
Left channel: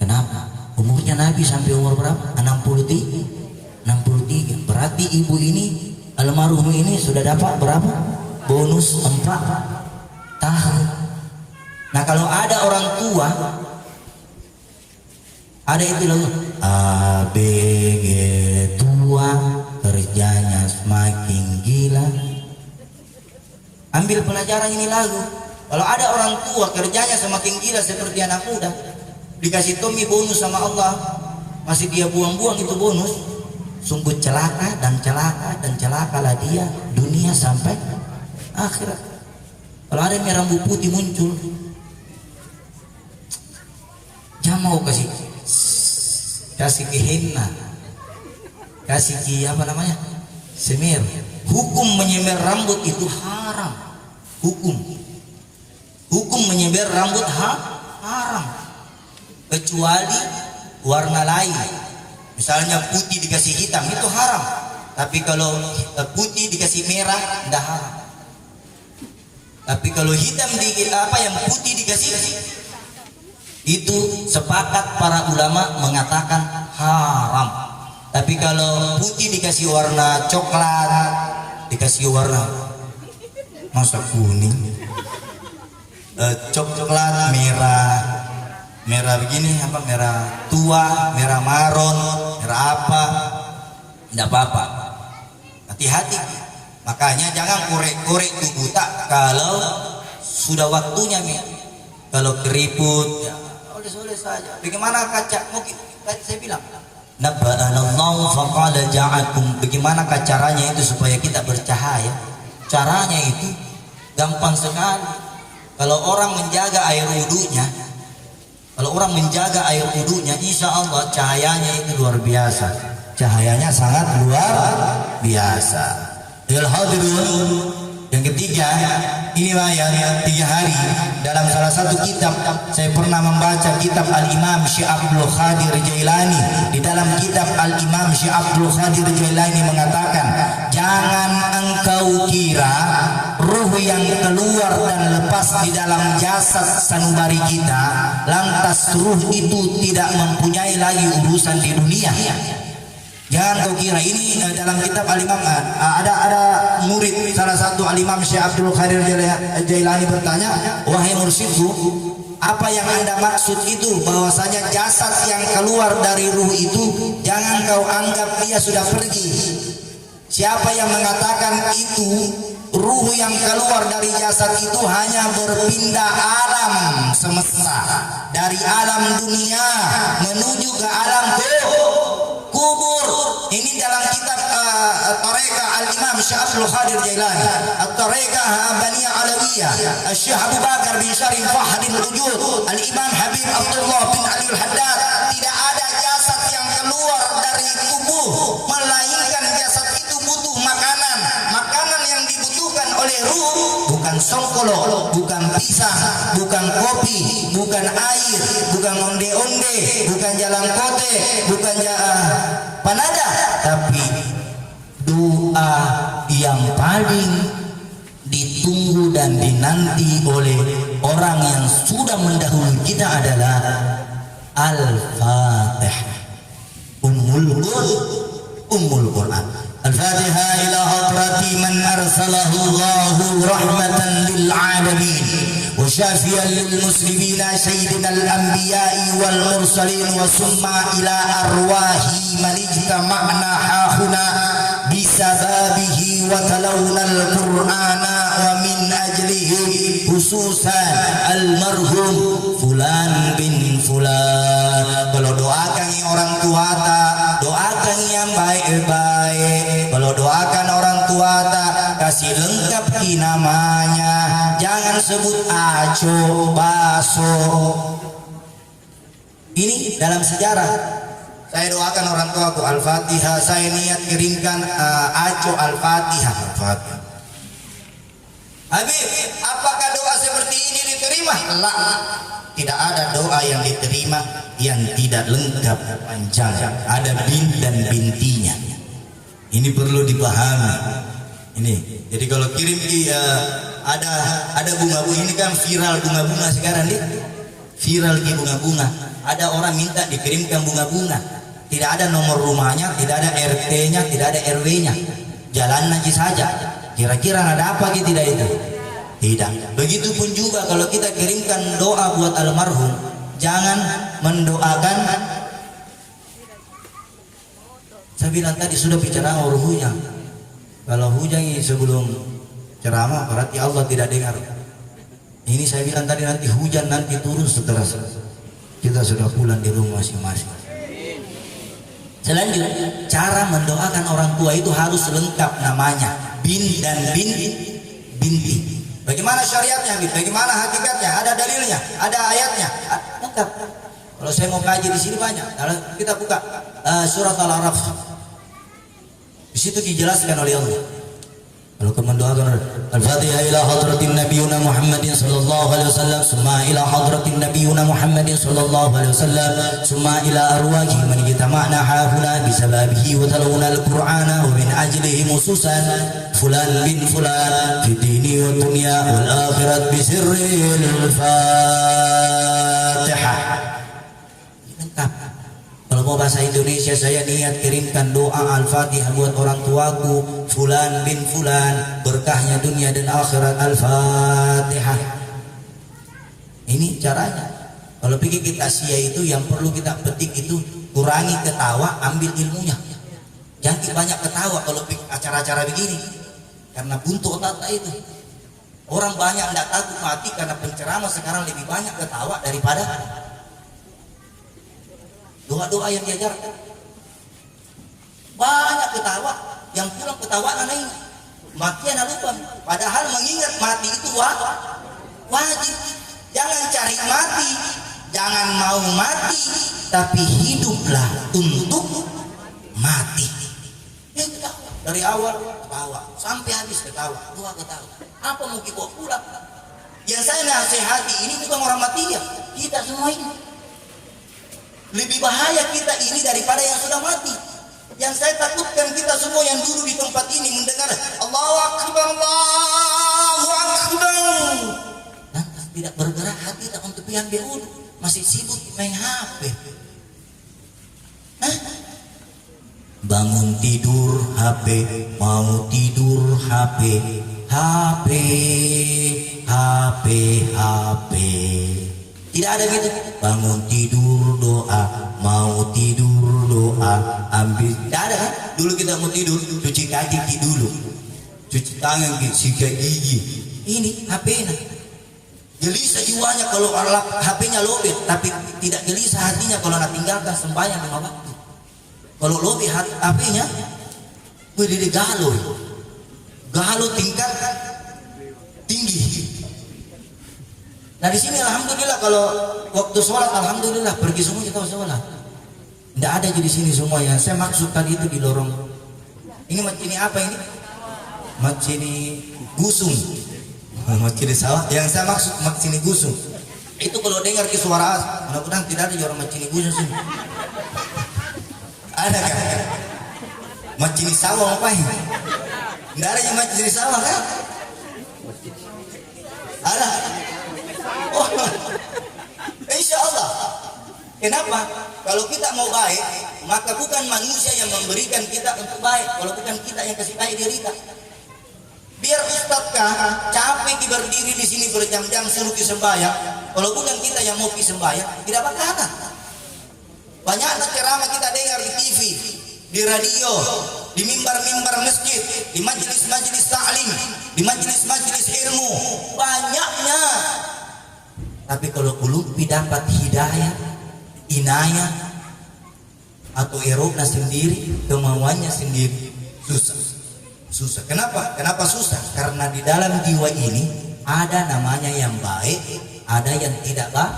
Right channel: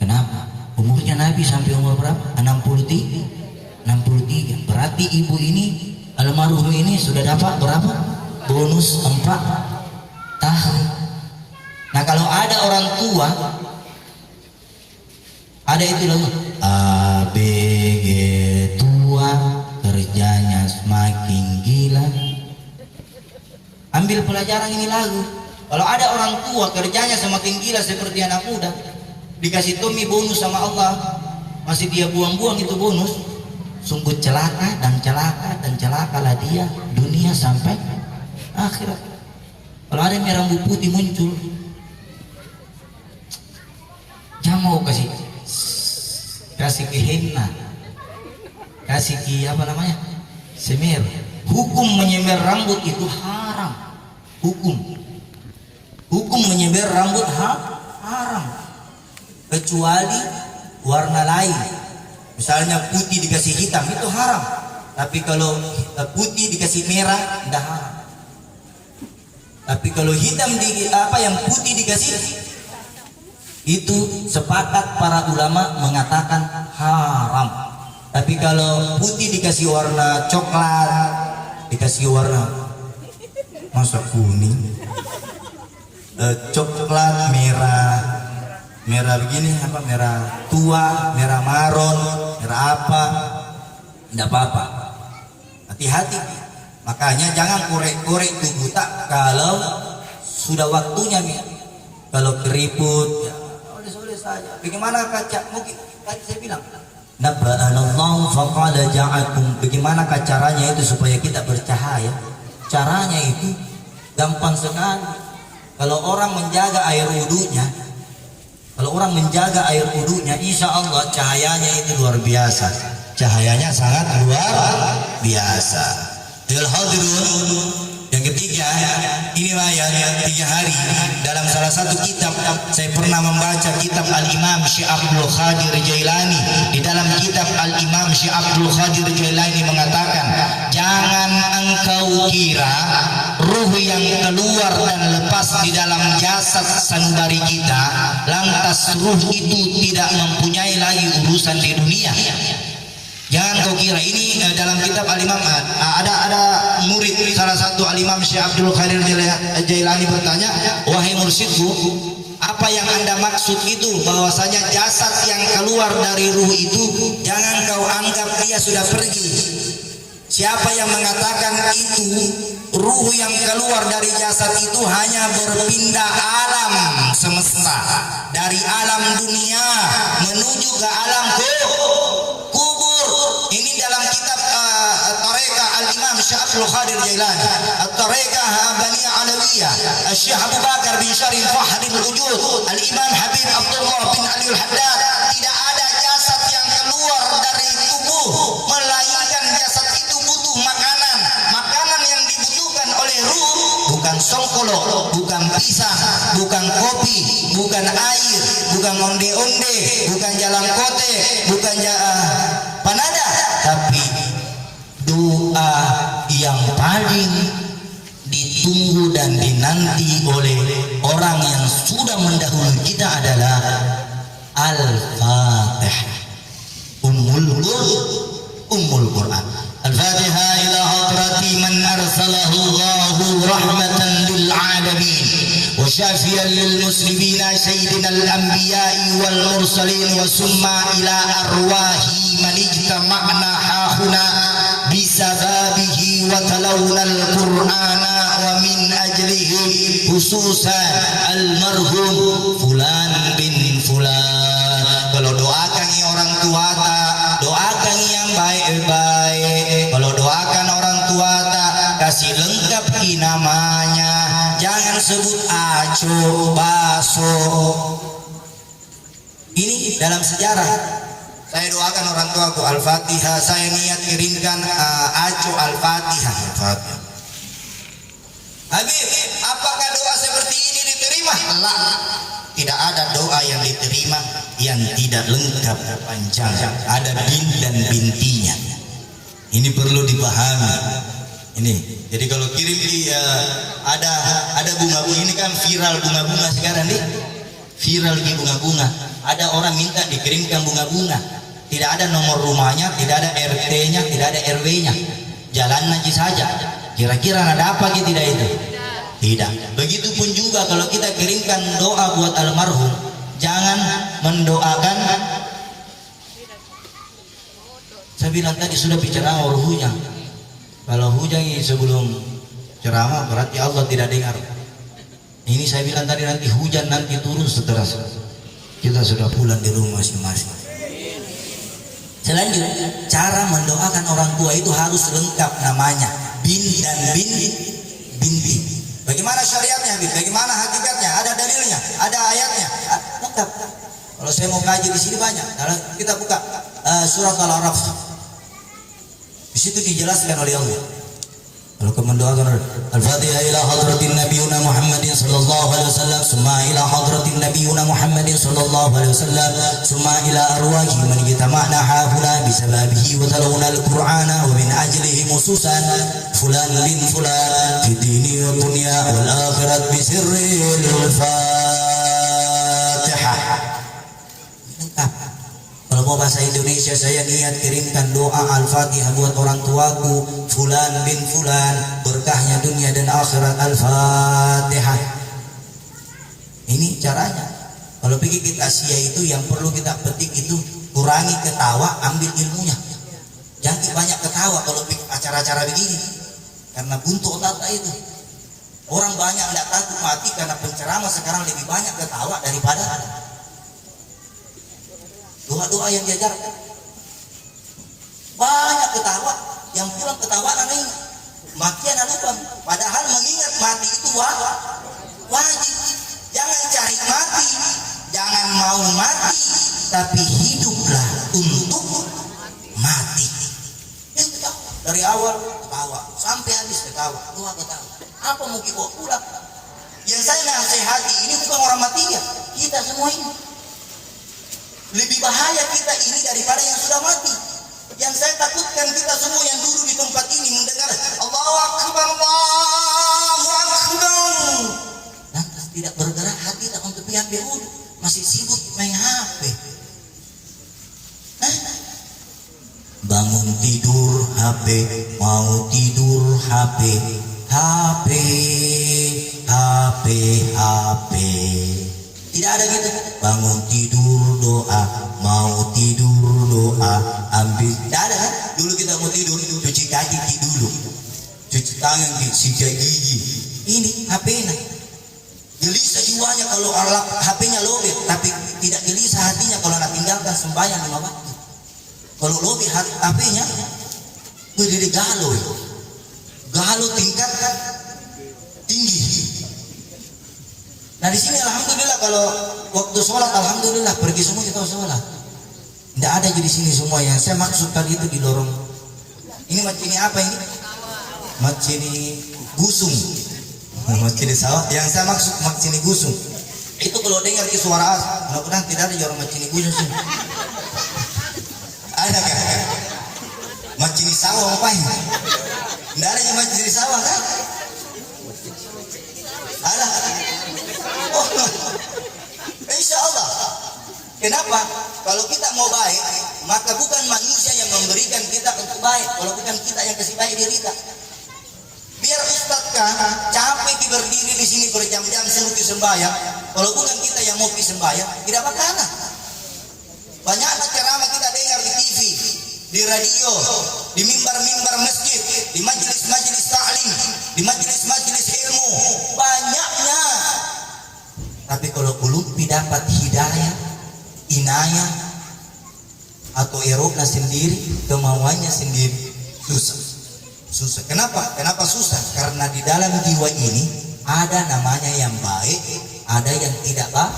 Kenapa? Umurnya Nabi sampai umur berapa? 63. Berarti ibu ini, almarhum ini sudah dapat berapa? Bonus 4 tahun. Nah, kalau ada orang tua ada itu loh, ABG tua kerjanya semakin gila. Ambil pelajaran ini lagu. Kalau ada orang tua kerjanya semakin gila seperti anak muda, dikasih Tommy bonus sama Allah, masih dia buang-buang itu bonus, sungguh celaka dan celakalah dia dunia sampai akhirat. Kalau ada yang rambut putih muncul, jangan mau kasih ke henna, kasih ke semir. Hukum menyemir rambut itu haram. Hukum menyemir rambut haram, kecuali warna lain. Misalnya putih dikasih hitam itu haram, tapi kalau putih dikasih merah tidak haram. Tapi kalau hitam yang putih dikasih, itu sepakat para ulama mengatakan haram. Tapi kalau putih dikasih warna coklat, dikasih warna masa kuning, coklat, merah, merah begini apa, merah tua, merah maron, merah apa, tidak apa-apa. Hati-hati. Makanya jangan korek-korek tubuh tak kalau sudah waktunya nih. Kalau keriput ya oleh saja. Bagaimana kaca? Mungkin tadi saya bilang nabba'anallahu faqala ja'akum. Bagaimana caranya itu supaya kita bercahaya? Caranya itu gampang sekali. Kalau orang menjaga air wudunya, insya Allah cahayanya itu luar biasa. Cahayanya sangat luar biasa. Yang ketiga, ini yang 3 hari dalam salah satu kitab saya pernah membaca kitab Al-Imam Syekh Abdul Qadir Jailani. Di dalam kitab Al-Imam Syekh Abdul Qadir Jailani mengatakan, jangan engkau kira ruh yang keluar dan lepas di dalam jasad sanubari kita lantas ruh itu tidak mempunyai lagi urusan di dunia. Jangan kau kira. Ini dalam kitab Al-Imam ada murid salah satu Al-Imam Syekh Abdul Qadir Jailani bertanya, wahai mursyidku, apa yang Anda maksud itu bahwasanya jasad yang keluar dari ruh itu jangan kau anggap dia sudah pergi. Siapa yang mengatakan itu ruh yang keluar dari jasad itu hanya berpindah alam semesta, dari alam dunia menuju ke alam kubur. Ini dalam kitab At-Tariqah Al-Imam Syekh Abdul Qadir Jailani, At-Tariqah Baniyah Alawiyah, Syekh Abu Bakar bin Syarif Fahadil Wujud, Al-Imam Habib Abdullah bin Ali Al-Haddad. Tidak ada jasad yang keluar dari tubuh melainkan jasad itu butuh makanan. Makanan yang dibutuhkan oleh ruh bukan songkolo, bukan pisang, bukan kopi, bukan air, bukan onde-onde, bukan jalan kote, bukan panada, tapi doa yang paling ditunggu dan dinanti oleh orang yang sudah mendahului kita adalah Al-Fatihah, Ummul Quran. Al-Fatihah ila hadrati man arsalahu Allahu rahmatan lil alamin wa syafiyan lil muslimin sayyidina al anbiya'i wal mursalin wa summa ila arwahi man ijtama'na hahuna bisababihi wa talawna al qur'ana wa min ajlihi khususan al marhum fulan bin fulan. Kalau doakan orang tua doakan yang baik-baik. Kalau doakan orang tua kasih lengkap namanya, jangan sebut aco baso. Ini dalam sejarah. Saya doakan orang tuaku Al-Fatihah, saya niat kirimkan aco Al-Fatihah. Habib, apakah doa seperti ini diterima? Tidak ada doa yang diterima yang tidak lengkap panjang, ada bin dan bintinya. Ini perlu dipahami. Ini, jadi kalau kirim ada bunga-bunga, ini kan viral bunga-bunga sekarang nih, viral di bunga-bunga. Ada orang minta dikirimkan bunga-bunga, tidak ada nomor rumahnya, tidak ada RT-nya, tidak ada RW-nya, jalan aja saja. Kira-kira ada apa gitu tidak itu? Tidak. Begitupun juga kalau kita kirimkan doa buat almarhum, jangan mendoakan. Saya bilang tadi sudah bicara ruhunya. Kalau hujan sebelum ceramah berarti Allah tidak dengar. Ini saya bilang tadi nanti hujan nanti turun setelah kita sudah pulang di rumah masing-masing. Selanjutnya cara mendoakan orang tua itu harus lengkap namanya, bin dan binti. Bagaimana syariatnya, bagaimana hakikatnya? Ada dalilnya, ada ayatnya. Lengkap. Kalau saya mau kaji di sini banyak. Kalau kita buka surat Al-Araf, di situ dijelaskan oleh Allah. Kalau kamu mendoakan Al-Fatihah ila hadratin nabiyuna Muhammadin sallallahu alaihi wasallam, summa ila hadratin nabiyuna Muhammadin sallallahu alaihi wasallam, summa ila arwahi man yatama'na hahuna bisababihi wa talawna al-Qur'ana wa min ajlihi mususan fulan bin fulan fi dini wa dunya wal akhirat bi sirril Fatihah. Kalau mau bahasa Indonesia, saya niat kirimkan doa Al-Fatihah buat orang tuaku fulan bin fulan, berkahnya dunia dan akhirat. Al-Fatihah. Ini caranya. Kalau pergi ke Asia itu yang perlu kita petik itu kurangi ketawa, ambil ilmunya. Jangan banyak ketawa kalau acara-acara begini, karena buntu otak itu. Orang banyak tidak takut mati karena penceramah sekarang lebih banyak ketawa daripada doa-doa yang diajarkan. Banyak ketawa, yang pulang ketawa aneh. Makian lupa. Padahal mengingat mati itu wajib. Jangan cari mati, jangan mau mati, tapi hiduplah untuk mati. Yang ketawa dari awal ketawa sampai habis ketawa, doa ketawa. Apa mau kita pulang? Yang saya nasihati ini bukan orang mati ya, kita semua ini. Lebih bahaya kita ini daripada yang sudah mati. Yang saya takutkan kita semua yang duduk di tempat ini mendengar Allahu Akbar, Allahu Akbar, lantas tidak bergerak hati tak untuk ambil wudhu, masih sibuk main HP. Bangun tidur HP, mau tidur HP, HP, HP, HP. Tidak ada gitu. Bangun tidur doa, mau tidur doa, ambil. Tidak ada kan? Dulu kita mau tidur, cuci kaki dulu, cuci tangan, sikat gigi. Ini HP-nya. Gelisah jiwanya kalau HP-nya lobet, tapi tidak gelisah hatinya kalau nak tinggalkan sembahyang 5 waktu. Kalau lobet HP-nya, berdiri galau tingkatkan tinggi. Nah di sini alhamdulillah kalau waktu sholat alhamdulillah pergi semua kita sholat. Tidak ada di sini semua yang saya maksud tadi itu di lorong. Ini macam ini apa ini? Macam ini gusung. Macam ini sawah. Yang saya maksud macam ini gusung. Itu kalau dengar ke suara mudah-mudahan tidak ada orang macam ini gusung. Ada kan? Macam ini sawah apa ini? Tidak ada yang macam ini sawah kan? Ada. Oh, insya Allah. Kenapa? Kalau kita mau baik, maka bukan manusia yang memberikan kita untuk baik, kalau bukan kita yang kasih baik diri kita. Biar Ustadz capek berdiri di sini berjam-jam suruh sembahyang, kalau bukan kita yang mau sembahyang, tidak bakalan. Banyak ceramah kita dengar di TV, di radio, di mimbar-mimbar masjid, di majelis-majelis taklim, di majelis-majelis ilmu, banyaknya. Tapi kalau belum dapat hidayah, inayah, atau eropa sendiri, kemauannya sendiri, susah. Kenapa? Kenapa susah? Karena di dalam jiwa ini ada namanya yang baik, ada yang tidak baik.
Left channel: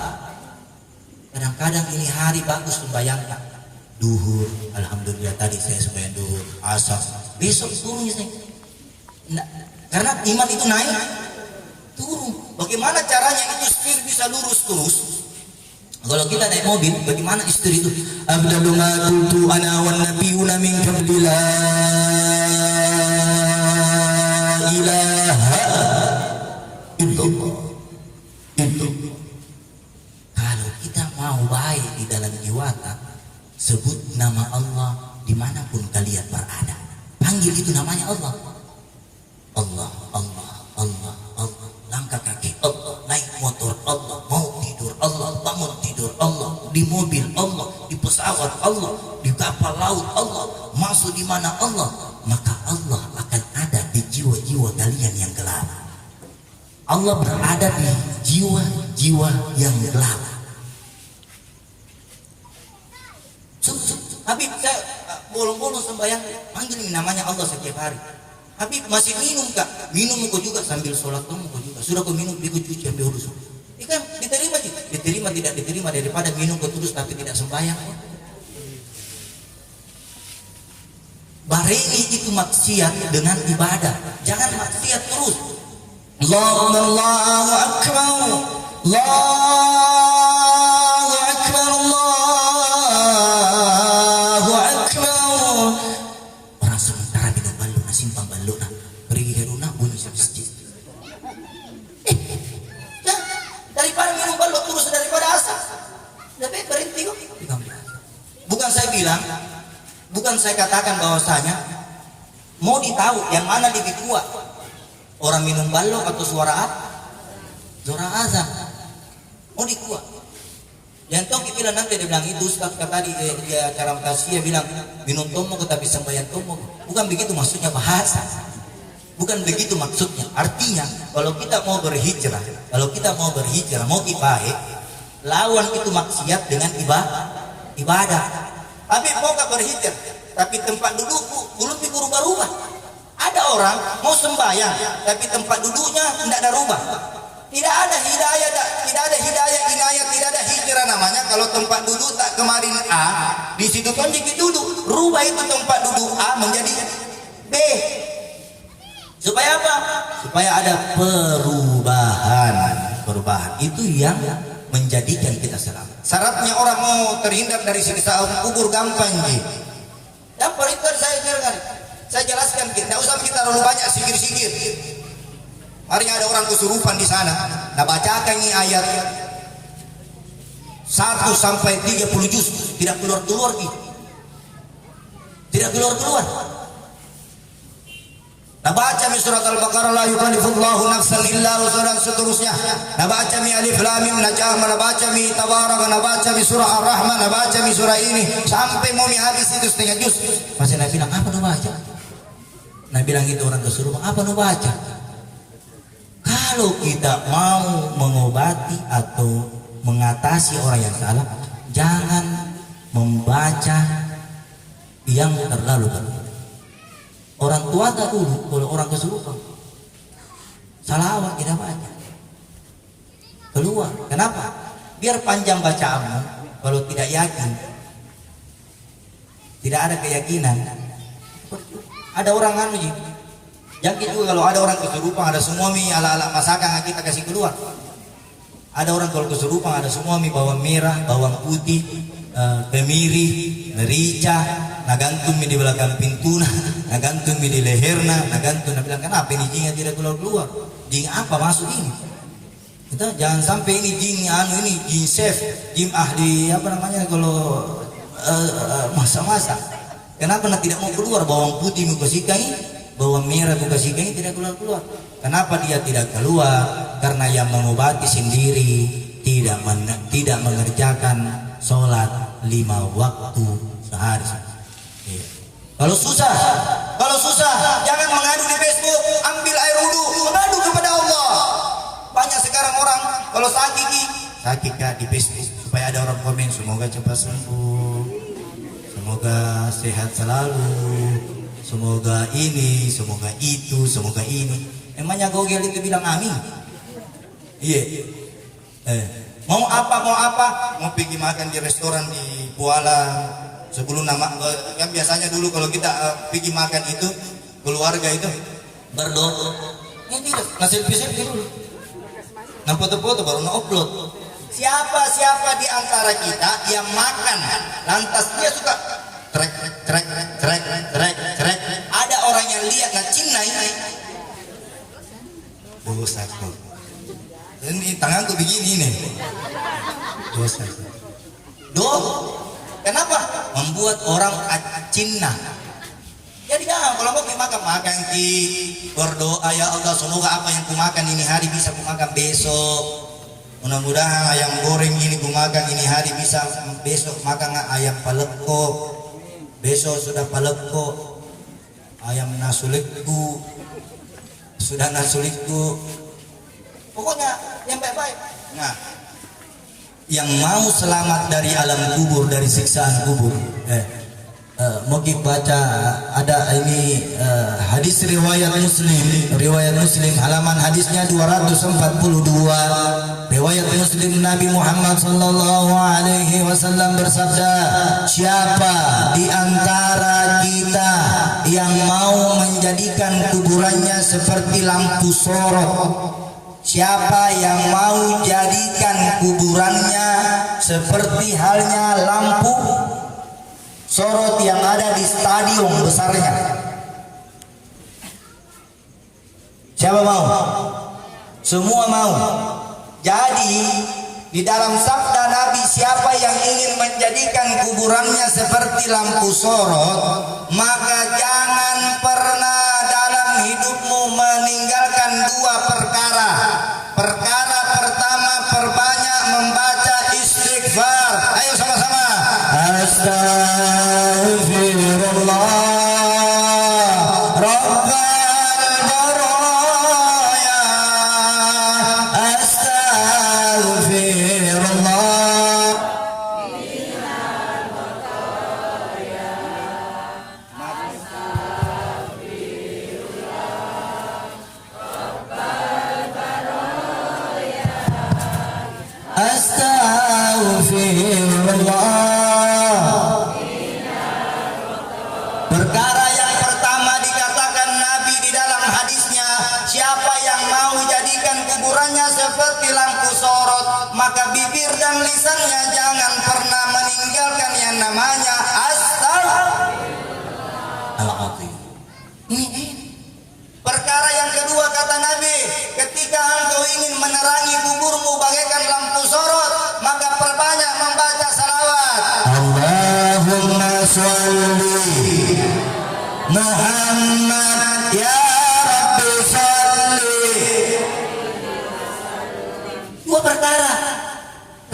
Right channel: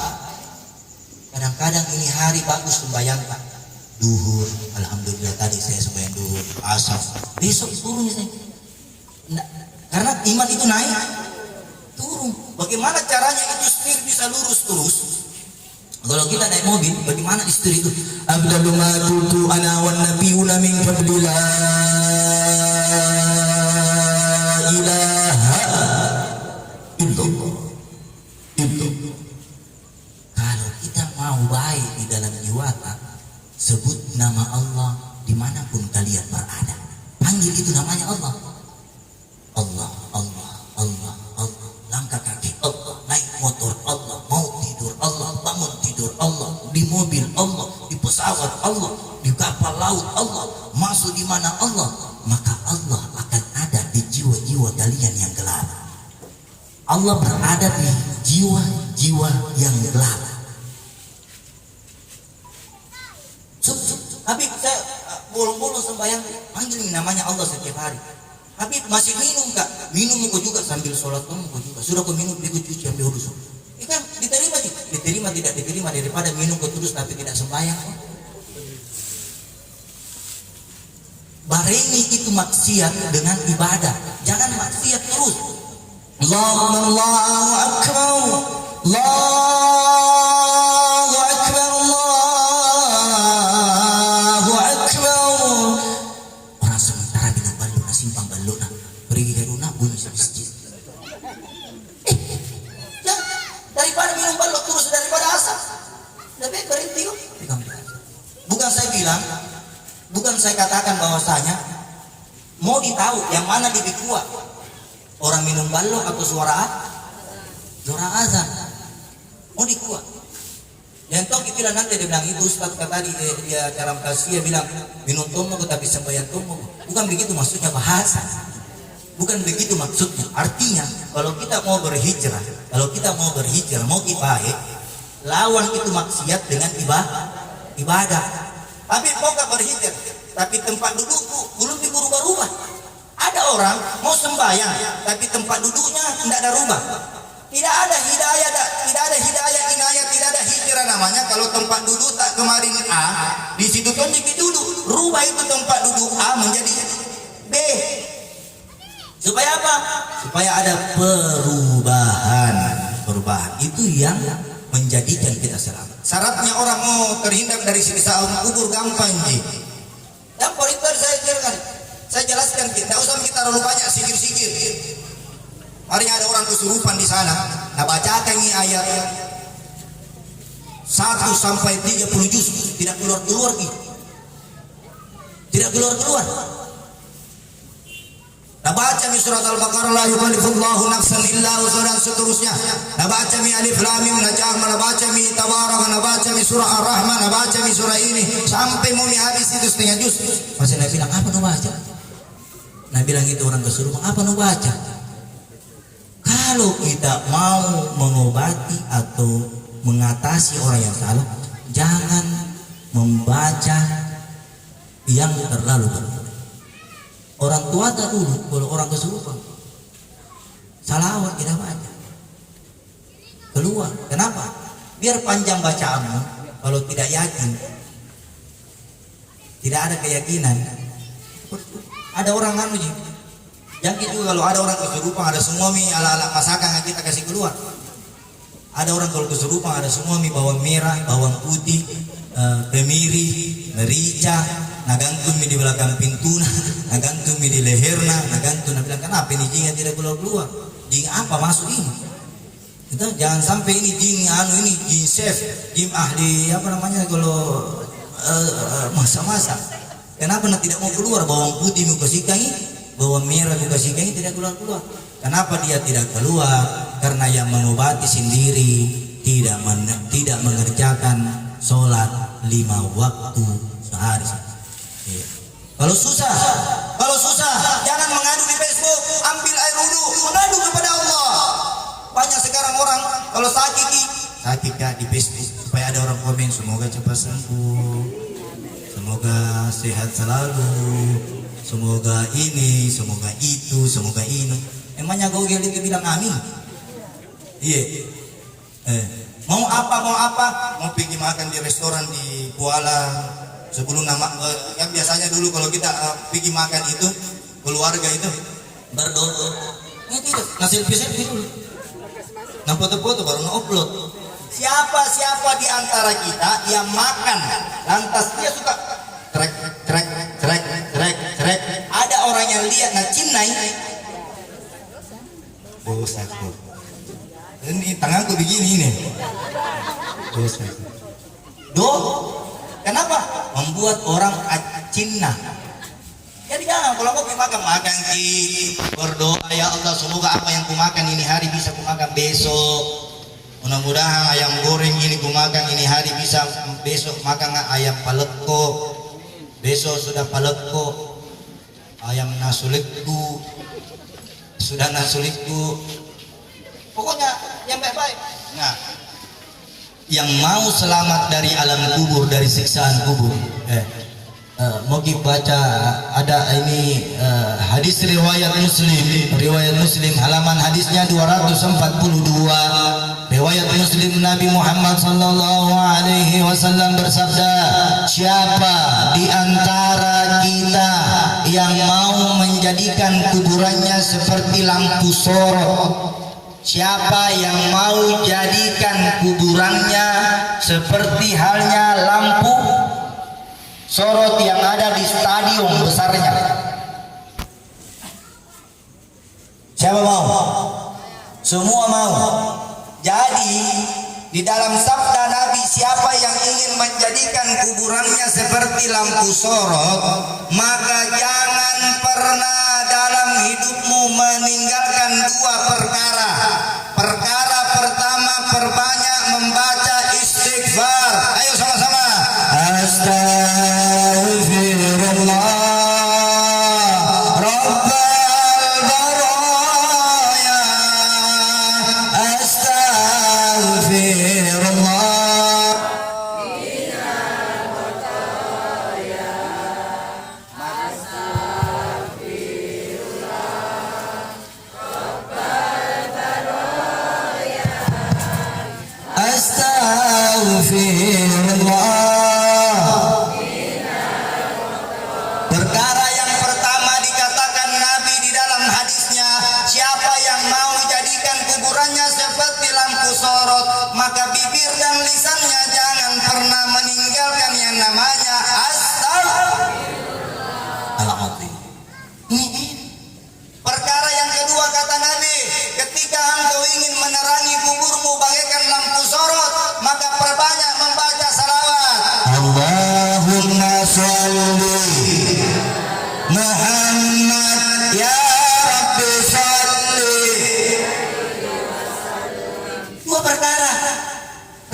Kadang-kadang ini hari bagus membayangkan duhur, alhamdulillah tadi saya sembahyang duhur, asar, besok turun saya. Nah, karena iman itu naik, turun. Bagaimana caranya itu setir bisa lurus terus? Kalau kita naik mobil, bagaimana istri itu? Abdalu ma qultu ana wan nabiyuna min qabli la ilaha illallah. Kalau kita mau baik di dalam jiwa, sebut nama Allah dimanapun kalian berada. Panggil itu namanya Allah. Allah, Allah, Allah, Allah. Langkah kaki Allah, naik motor Allah, mau tidur Allah, bangun tidur Allah, di mobil Allah, di pesawat Allah, di kapal laut Allah, masuk di mana Allah, maka Allah akan ada di jiwa-jiwa kalian yang gelap. Allah berada di jiwa-jiwa yang gelap. Habib, saya bolong-bolong sembahyang, panggil namanya Allah setiap hari. Habib masih minum kak? Minum kok juga sambil sholat kok juga. Sudah kau minum ikut cuci ambil wudhu. Ikan diterima sih, diterima tidak diterima daripada minum kau terus tapi tidak sembahyang. Barengi itu maksiat dengan ibadah. Jangan maksiat terus. Allahu Akbar, Allahu Akbar, Allahu Akbar. Orang sementara minum balok, simpang balok, pergi ke rumah bunyi masjid. Daripada minum balok terus daripada asap, lebih berhenti kok. Bukan saya bilang, bukan saya katakan bahwasanya mau ditahu yang mana lebih kuat, orang minum balok atau suara azan. Mau dikuat. Yang toki bilang nanti dia bilang itu Ustaz tadi dia cara kasih dia bilang minum tomo tetapi sembahyang tomo. Bukan begitu maksudnya bahasa. Bukan begitu maksudnya. Artinya kalau kita mau berhijrah, mau baik, lawan itu maksiat dengan ibadah. Tapi mau gak berhijrah, tapi tempat dudukku belum dirubah-rubah. Ada orang mau sembahyang, tapi tempat duduknya tidak ada rubah. Tidak ada hidayah, inayah, tidak ada hijrah namanya. Kalau tempat duduk tak kemarin A, di situ kan dikit duduk, rubah itu tempat duduk A menjadi B. Supaya apa? Supaya ada perubahan. Itu yang menjadikan kita selamat. Syaratnya orang mau terhindar dari siksa kubur gampang ji. Gampang itu saya jelaskan, tidak usah kita terlalu banyak sikir-sikir. Hari ada orang kesurupan di sana, nah bacakan ini ayat 1 sampai 30 juz, tidak keluar gitu. Tidak keluar. Nah baca mi surat Al-Baqarah la yukallifullahu nafsan illa wus'aha dan seterusnya. Nah baca mi Alif Lam Mim Najm, nah baca mi Tabarak, nah baca mi surah Ar-Rahman, nah baca mi surah ini sampai mau mi habis itu setengah juz. Masih Nabi bilang apa nu baca? Nabi bilang gitu orang kesurupan, apa nu baca? Kalau kita mau mengobati atau mengatasi orang yang salah, jangan membaca yang terlalu banyak. Orang tua tak dulu, kalau orang kesurupan salawat kita baca keluar. Kenapa? Biar panjang bacaanmu. Kalau tidak yakin, tidak ada keyakinan, ada orang anu ji. Jangan juga kalau ada orang kesurupan, ada semua mie ala-ala masakan yang kita kasih keluar. Ada orang kalau kesurupan, ada semua mie bawang merah, bawang putih, kemiri, merica, nagantung mie di belakang pintu, nagantung mie di leherna, nagantung. Bilang kenapa ini jingnya tidak keluar? Jing apa masuk ini? Kita jangan sampai ini jing ini jing chef, jing ahli apa namanya kalau masa-masa. Kenapa tidak mau keluar? Bawang putih mau kasihkan ini, bawang merah mau kasihkan ini tidak keluar. Kenapa dia tidak keluar? Karena yang mengobati sendiri tidak mengerjakan sholat 5 waktu sehari. Kalau susah jangan mengadu di Facebook, ambil air wudhu, mengadu kepada Allah. Banyak sekarang orang kalau sakit di Facebook supaya ada orang komen semoga cepat sembuh, semoga sehat selalu, semoga ini, semoga itu, semoga ini. Emangnya Gogel itu bilang amin? Iya. Mau apa? Mau pergi makan di restoran di Kuala. Sebelum kan biasanya dulu kalau kita pergi makan itu keluarga itu berdoa. Ini tidak ngasih selfie dulu. Nah foto-foto baru upload. Siapa di antara kita yang makan lantas dia suka trek. Ada orang yang lihat cinai. Dosaku. Ini tanganku begini nih. Dosaku. Kenapa? Membuat orang cinna. Jadi jangan kalau mau makan berdoa ya Allah semoga apa yang kumakan ini hari bisa kumakan besok. Mudah-mudahan ayam goreng ini kumakan ini hari bisa besok makan ayam paleko. Besok sudah paleko. Ayam nasulikku. Sudah nasulikku. Pokoknya yang baik-baik. Nah, yang mau selamat dari alam kubur, dari siksaan kubur, mau baca ada ini hadis riwayat Muslim halaman hadisnya 242. Riwayat Muslim Nabi Muhammad sallallahu alaihi wasallam bersabda, siapa di antara kita yang mau menjadikan kuburannya seperti lampu sorot? Siapa yang mau jadikan kuburannya seperti halnya lampu sorot yang ada di stadion besarnya? Siapa mau? Semua mau. Jadi di dalam sabda Nabi, siapa yang ingin menjadikan kuburannya seperti lampu sorot, maka jangan pernah dalam hidupmu meninggalkan 2 perkara. Perkara pertama, perbanyak membaca istighfar. istighfar. Ayo sama-sama. Astaghfirullah Rabbal baraya. Astaghfirullah. Astaghfirullah. Perkara yang pertama dikatakan Nabi di dalam hadisnya, siapa yang mau jadikan kuburannya seperti lampu sorot, maka bibir dan lisannya jangan pernah meninggalkan yang namanya Astaghfirullah. Ini perkara yang kedua kata Nabi, ketika engkau ingin menerangi kuburmu bagaikan lampu sorot, maka perbanyak membaca salawat. Allahumma sholli Muhammad ya Rabbi sholli. Dua perkara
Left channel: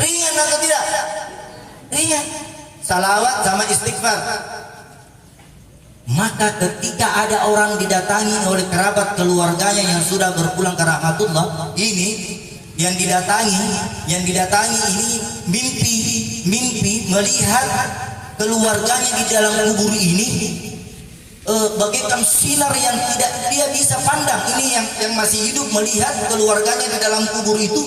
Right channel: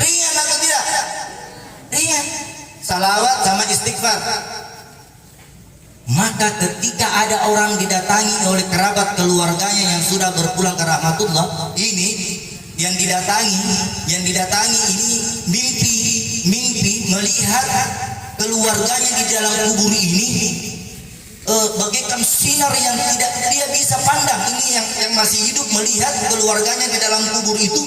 ringan atau tidak? Ringan. Salawat sama istighfar. Maka ketika ada orang didatangi oleh kerabat keluarganya yang sudah berpulang ke rahmatullah, ini yang didatangi ini mimpi melihat keluarganya di dalam kubur ini bagaikan sinar yang tidak dia bisa pandang. Ini yang masih hidup melihat keluarganya di dalam kubur itu,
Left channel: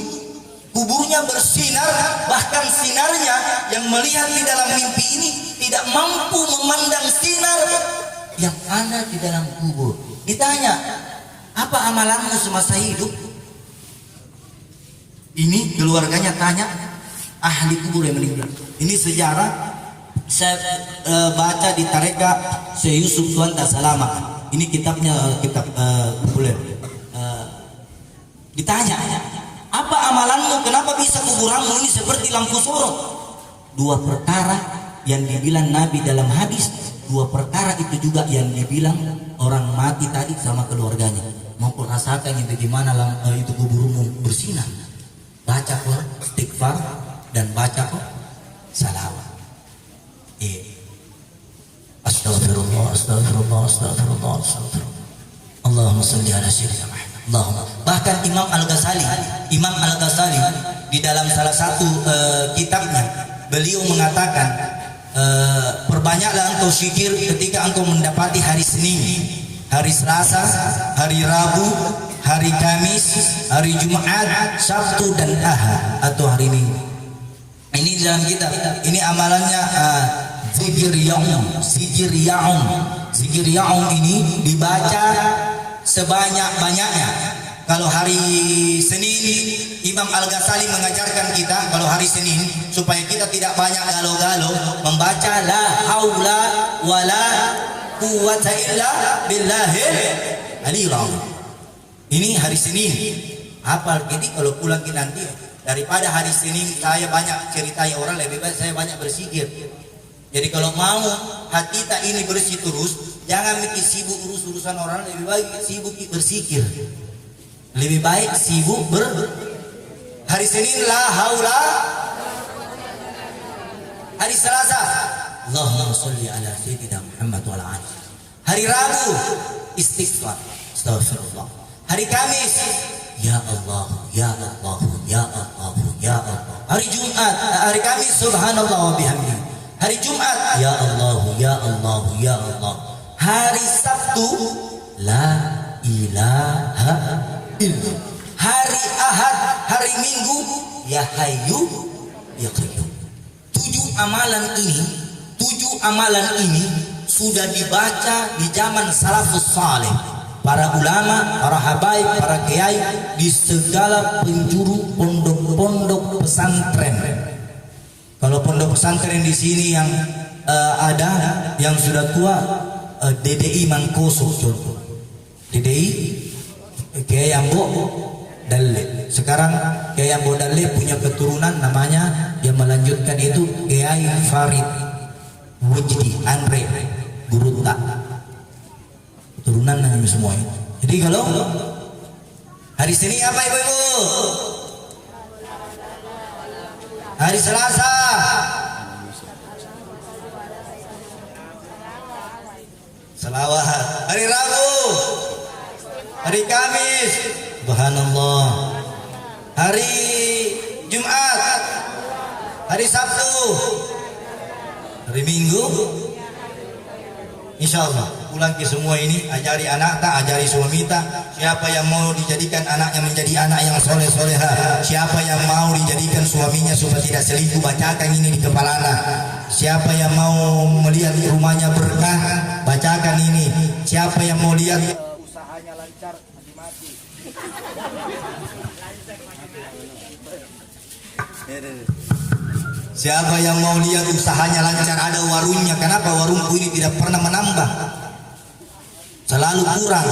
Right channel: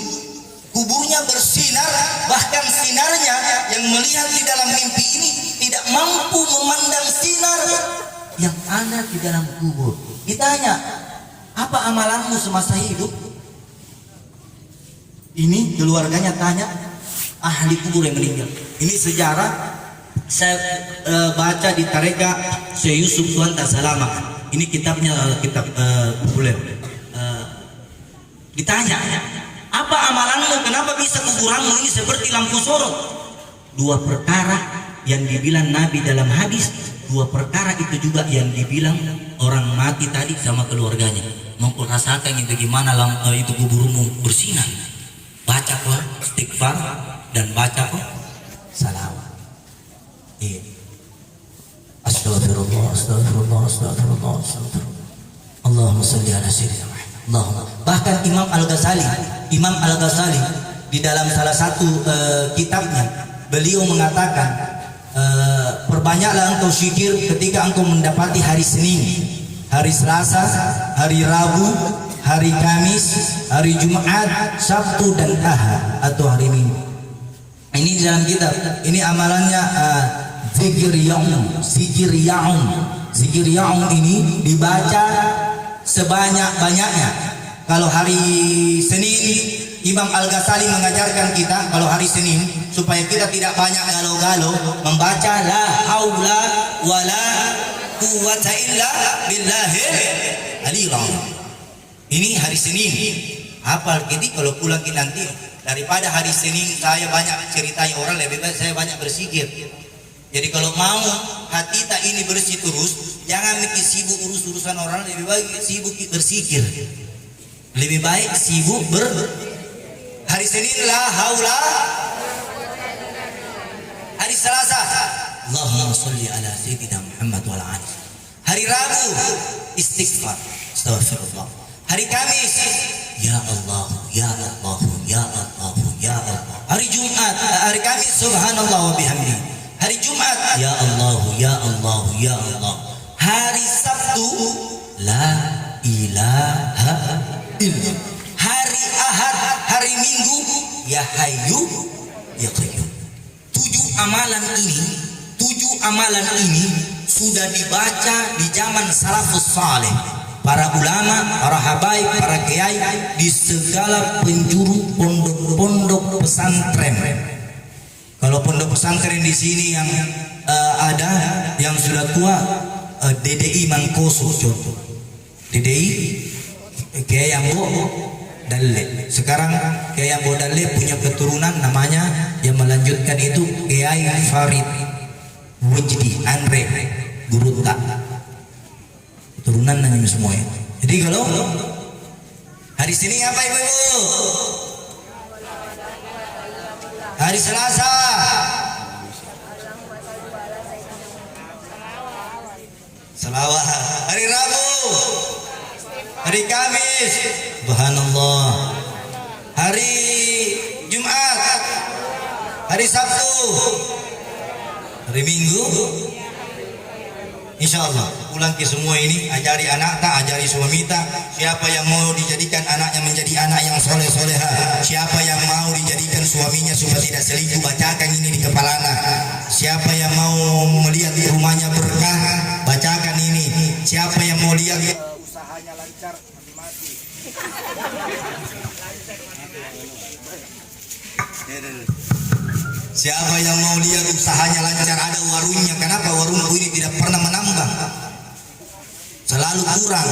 kuburnya bersinar, bahkan sinarnya yang melihat di dalam mimpi ini tidak mampu memandang sinar yang ada di dalam kubur. Ditanya, apa amalanmu semasa hidup? Ini keluarganya tanya, ahli kubur yang meninggal. Ini sejarah saya baca di Tareka Syekh Yusuf Tuanta Salama. Ini kitabnya kitab populer. Ditanya, apa amalanmu? Kenapa bisa kuburanmu ini seperti lampu sorot? Dua perkara yang dibilang Nabi dalam hadis, dua perkara itu juga yang dibilang orang mati tadi sama keluarganya. Mau kau rasakan yang bagaimana itu kuburmu bersinar. Baca kok istighfar dan baca kok salawat. Astagfirullah, astagfirullah, astagfirullah, astagfirullah. Allahumma salli ala sayyidina Muhammad. Allahumma. Bahkan Imam Al-Ghazali di dalam salah satu kitabnya beliau mengatakan, perbanyaklah engkau zikir ketika engkau mendapati hari Senin, hari Selasa, hari Rabu, hari Kamis, hari Jumat, Sabtu dan Ahad atau hari Minggu. Ini di dalam kitab. Ini amalannya zikir yaum ini dibaca sebanyak-banyaknya. Kalau hari Senin, Imam Al-Ghazali mengajarkan kita kalau hari Senin supaya kita tidak banyak galau-galau membaca la haula wala quwwata illa billahil aliyil azim. Ini hari Senin. Apal jadi kalau pulang ke nanti daripada hari Senin saya banyak ceritai orang, lebih baik saya banyak berzikir. Jadi kalau mau hati kita ini bersih terus, jangan mikir sibuk urus-urusan orang, lebih baik sibuk berzikir. Lebih baik sibuk hari Senin la haula, hari Selasa Allahumma sholli ala sayyidina Muhammad wa ala alihi. Hari Rabu istighfar, astagfirullah. Hari Kamis ya Allah, ya Allah, ya Allah, ya Allah. Hari Jumat, hari Kamis subhanallah wa bihamdi. Hari Jumat ya Allah, ya Allah, ya Allah. Hari Sabtu la ilaha illallah. Hari Ahad, hari Minggu ya Hayyu ya Qayyum. 7 amalan ini sudah dibaca di zaman salafus saleh, para ulama, para habaib, para kiai di segala penjuru pondok-pondok pesantren. Kalau pondok pesantren di sini yang ada yang sudah tua, DDI Mangkoso contoh. DDI Kiai Ambo Dalle. Sekarang Kiai Ambo Dalle punya keturunan namanya yang melanjutkan itu Kiai Farid Wujdi Andre Gurunta. Keturunan namanya semua ya. Jadi kalau hari Senin apa ibu-ibu? Hari Selasa. Selawat. Hari Rabu. Hari Kamis. Subhanallah. Hari Jumat. Hari Sabtu. Hari Minggu. Insya Allah pulang ke semua ini, ajari anak tak, ajari suami tak. Siapa yang mau dijadikan anaknya menjadi anak yang soleh soleha, siapa yang mau dijadikan suaminya supaya tidak selingkuh, bacakan ini di kepalanya. Siapa yang mau melihat di rumahnya berkah, bacakan ini. Siapa yang mau lihat usahanya lancar, mati. Siapa yang mau lihat usahanya lancar, ada warungnya. Kenapa warungku ini tidak pernah menambah? Selalu kurang.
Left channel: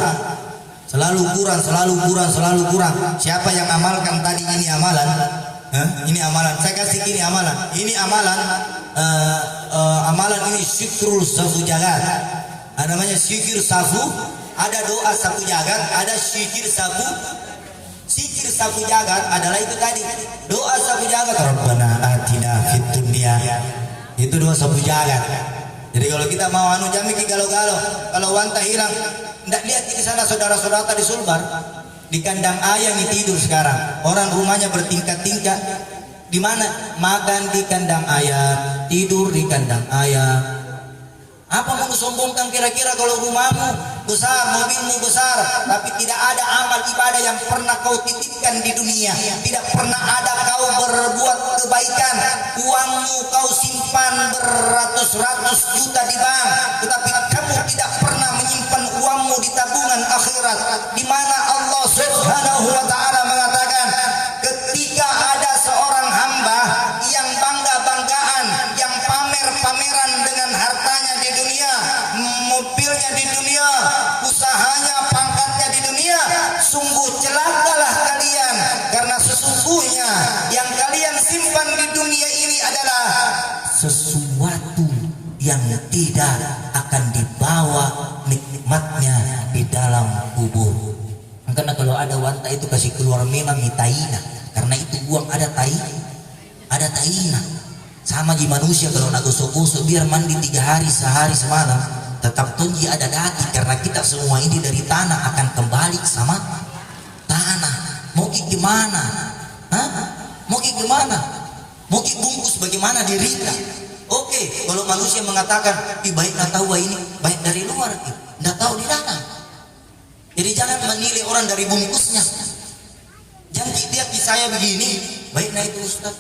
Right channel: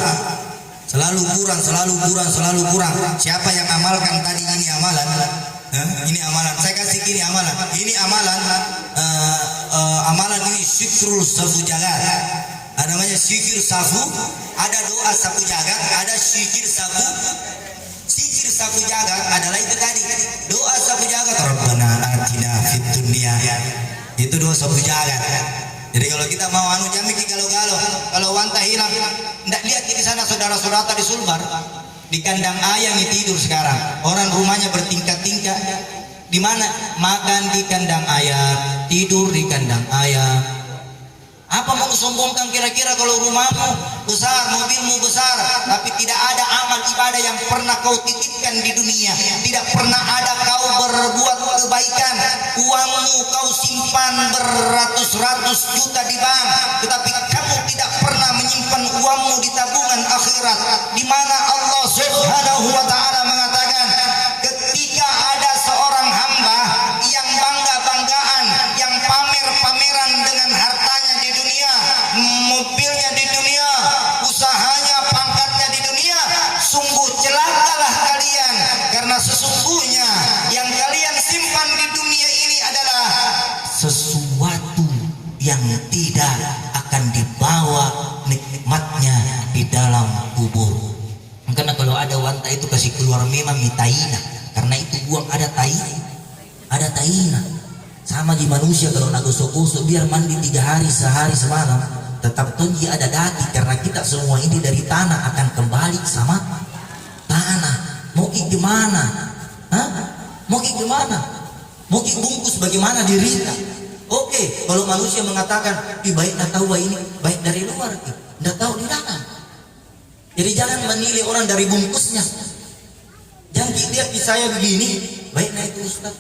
Selalu kurang, selalu kurang, selalu kurang. Siapa yang amalkan tadi ini amalan? Ini amalan. Saya kasih ini amalan. Ini amalan. Amalan ini syukrul safu jagat. Ada namanya syukur safu. Ada doa safu jagat. Ada syukur safu. Zikir sapu jagat adalah itu tadi, doa sapu jagat. Rabbana atina fid dunya. Itu doa sapu jagat. Jadi kalau kita mau anu jamiki galau-galau, kalau wanta hilang, ndak lihat di sana saudara-saudara tadi Sulbar di kandang ayam tidur sekarang. Orang rumahnya bertingkat-tingkat. Di mana? Makan di kandang ayam, tidur di kandang ayam. Apa mau sombongkan kira-kira kalau rumahmu besar, mobilmu besar, tapi tidak ada amal ibadah yang pernah kau titipkan di dunia, tidak pernah ada kau berbuat kebaikan, uangmu kau simpan beratus-ratus juta di bank, tetapi kamu tidak pernah menyimpan uangmu di tabungan akhirat, di mana Allah Subhanahu wa Ta'ala mengatakan, ketika ada seorang hamba yang bangga-banggaan, yang pamer-pameran dengan hartanya di dunia, mobilnya di dunia, usahanya, pangkatnya di dunia, sungguh celakalah kalian, karena sesungguhnya yang kalian simpan di dunia ini adalah sesuatu yang tidak akan dibawa nikmatnya di dalam kubur. Karena kalau ada wanta itu kasih keluar memang mitaina, karena itu buang ada taina. Sama di manusia kalau nagosok-gosok biar mandi 3 hari sehari semalam, tetap tonji ada daging, karena kita semua ini dari tanah akan kembali sama tanah. Mau gimana? Mau gimana? Mau bungkus bagaimana dirinya? Oke, kalau manusia mengatakan, baik nggak tahu ini baik dari luar, nggak tahu di dalam. Jadi jangan menilai orang dari bungkusnya. Jangan lihat di saya begini, baik nah itu Ustaz.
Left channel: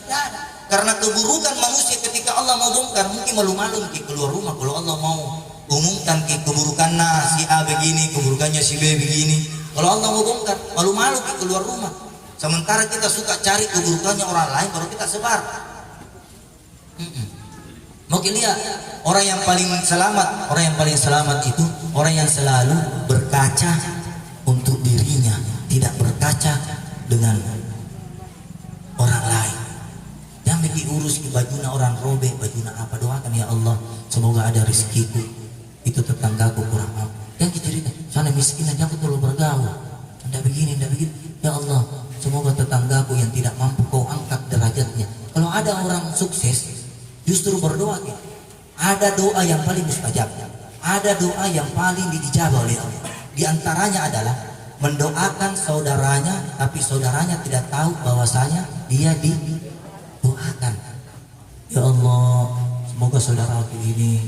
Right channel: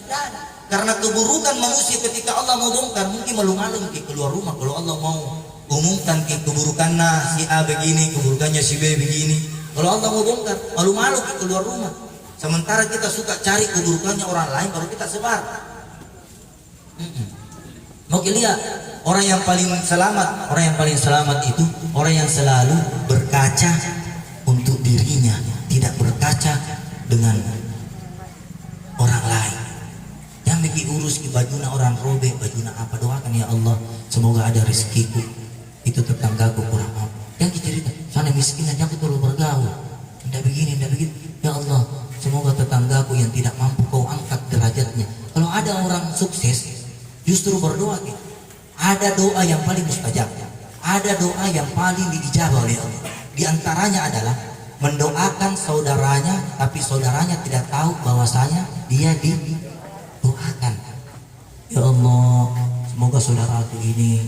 Karena keburukan manusia ketika Allah mau bongkar, mungkin malu-malu keluar rumah. Kalau Allah mau umumkan keburukannya si A begini, keburukannya si B begini, kalau Allah mau bongkar, malu-malu keluar rumah. Sementara kita suka cari keburukannya orang lain baru kita sebar. Mau lihat orang yang paling selamat itu orang yang selalu berkaca untuk dirinya, tidak berkaca dengan orang lain. Yang bikin urus ke bajuna orang robek, bajuna apa, doakan ya Allah semoga ada rezekiku, itu tetanggaku kurang apa. Yang cerita sana miskin aja aku perlu bergaul, ndak begini ya Allah semoga tetanggaku yang tidak mampu kau angkat derajatnya. Kalau ada orang sukses justru berdoa gitu. Ada doa yang paling mustajab, ada doa yang paling dijabah oleh Allah. Di antaranya adalah mendoakan saudaranya, tapi saudaranya tidak tahu bahwasanya dia didoakan. Ya Allah, semoga saudaraku ini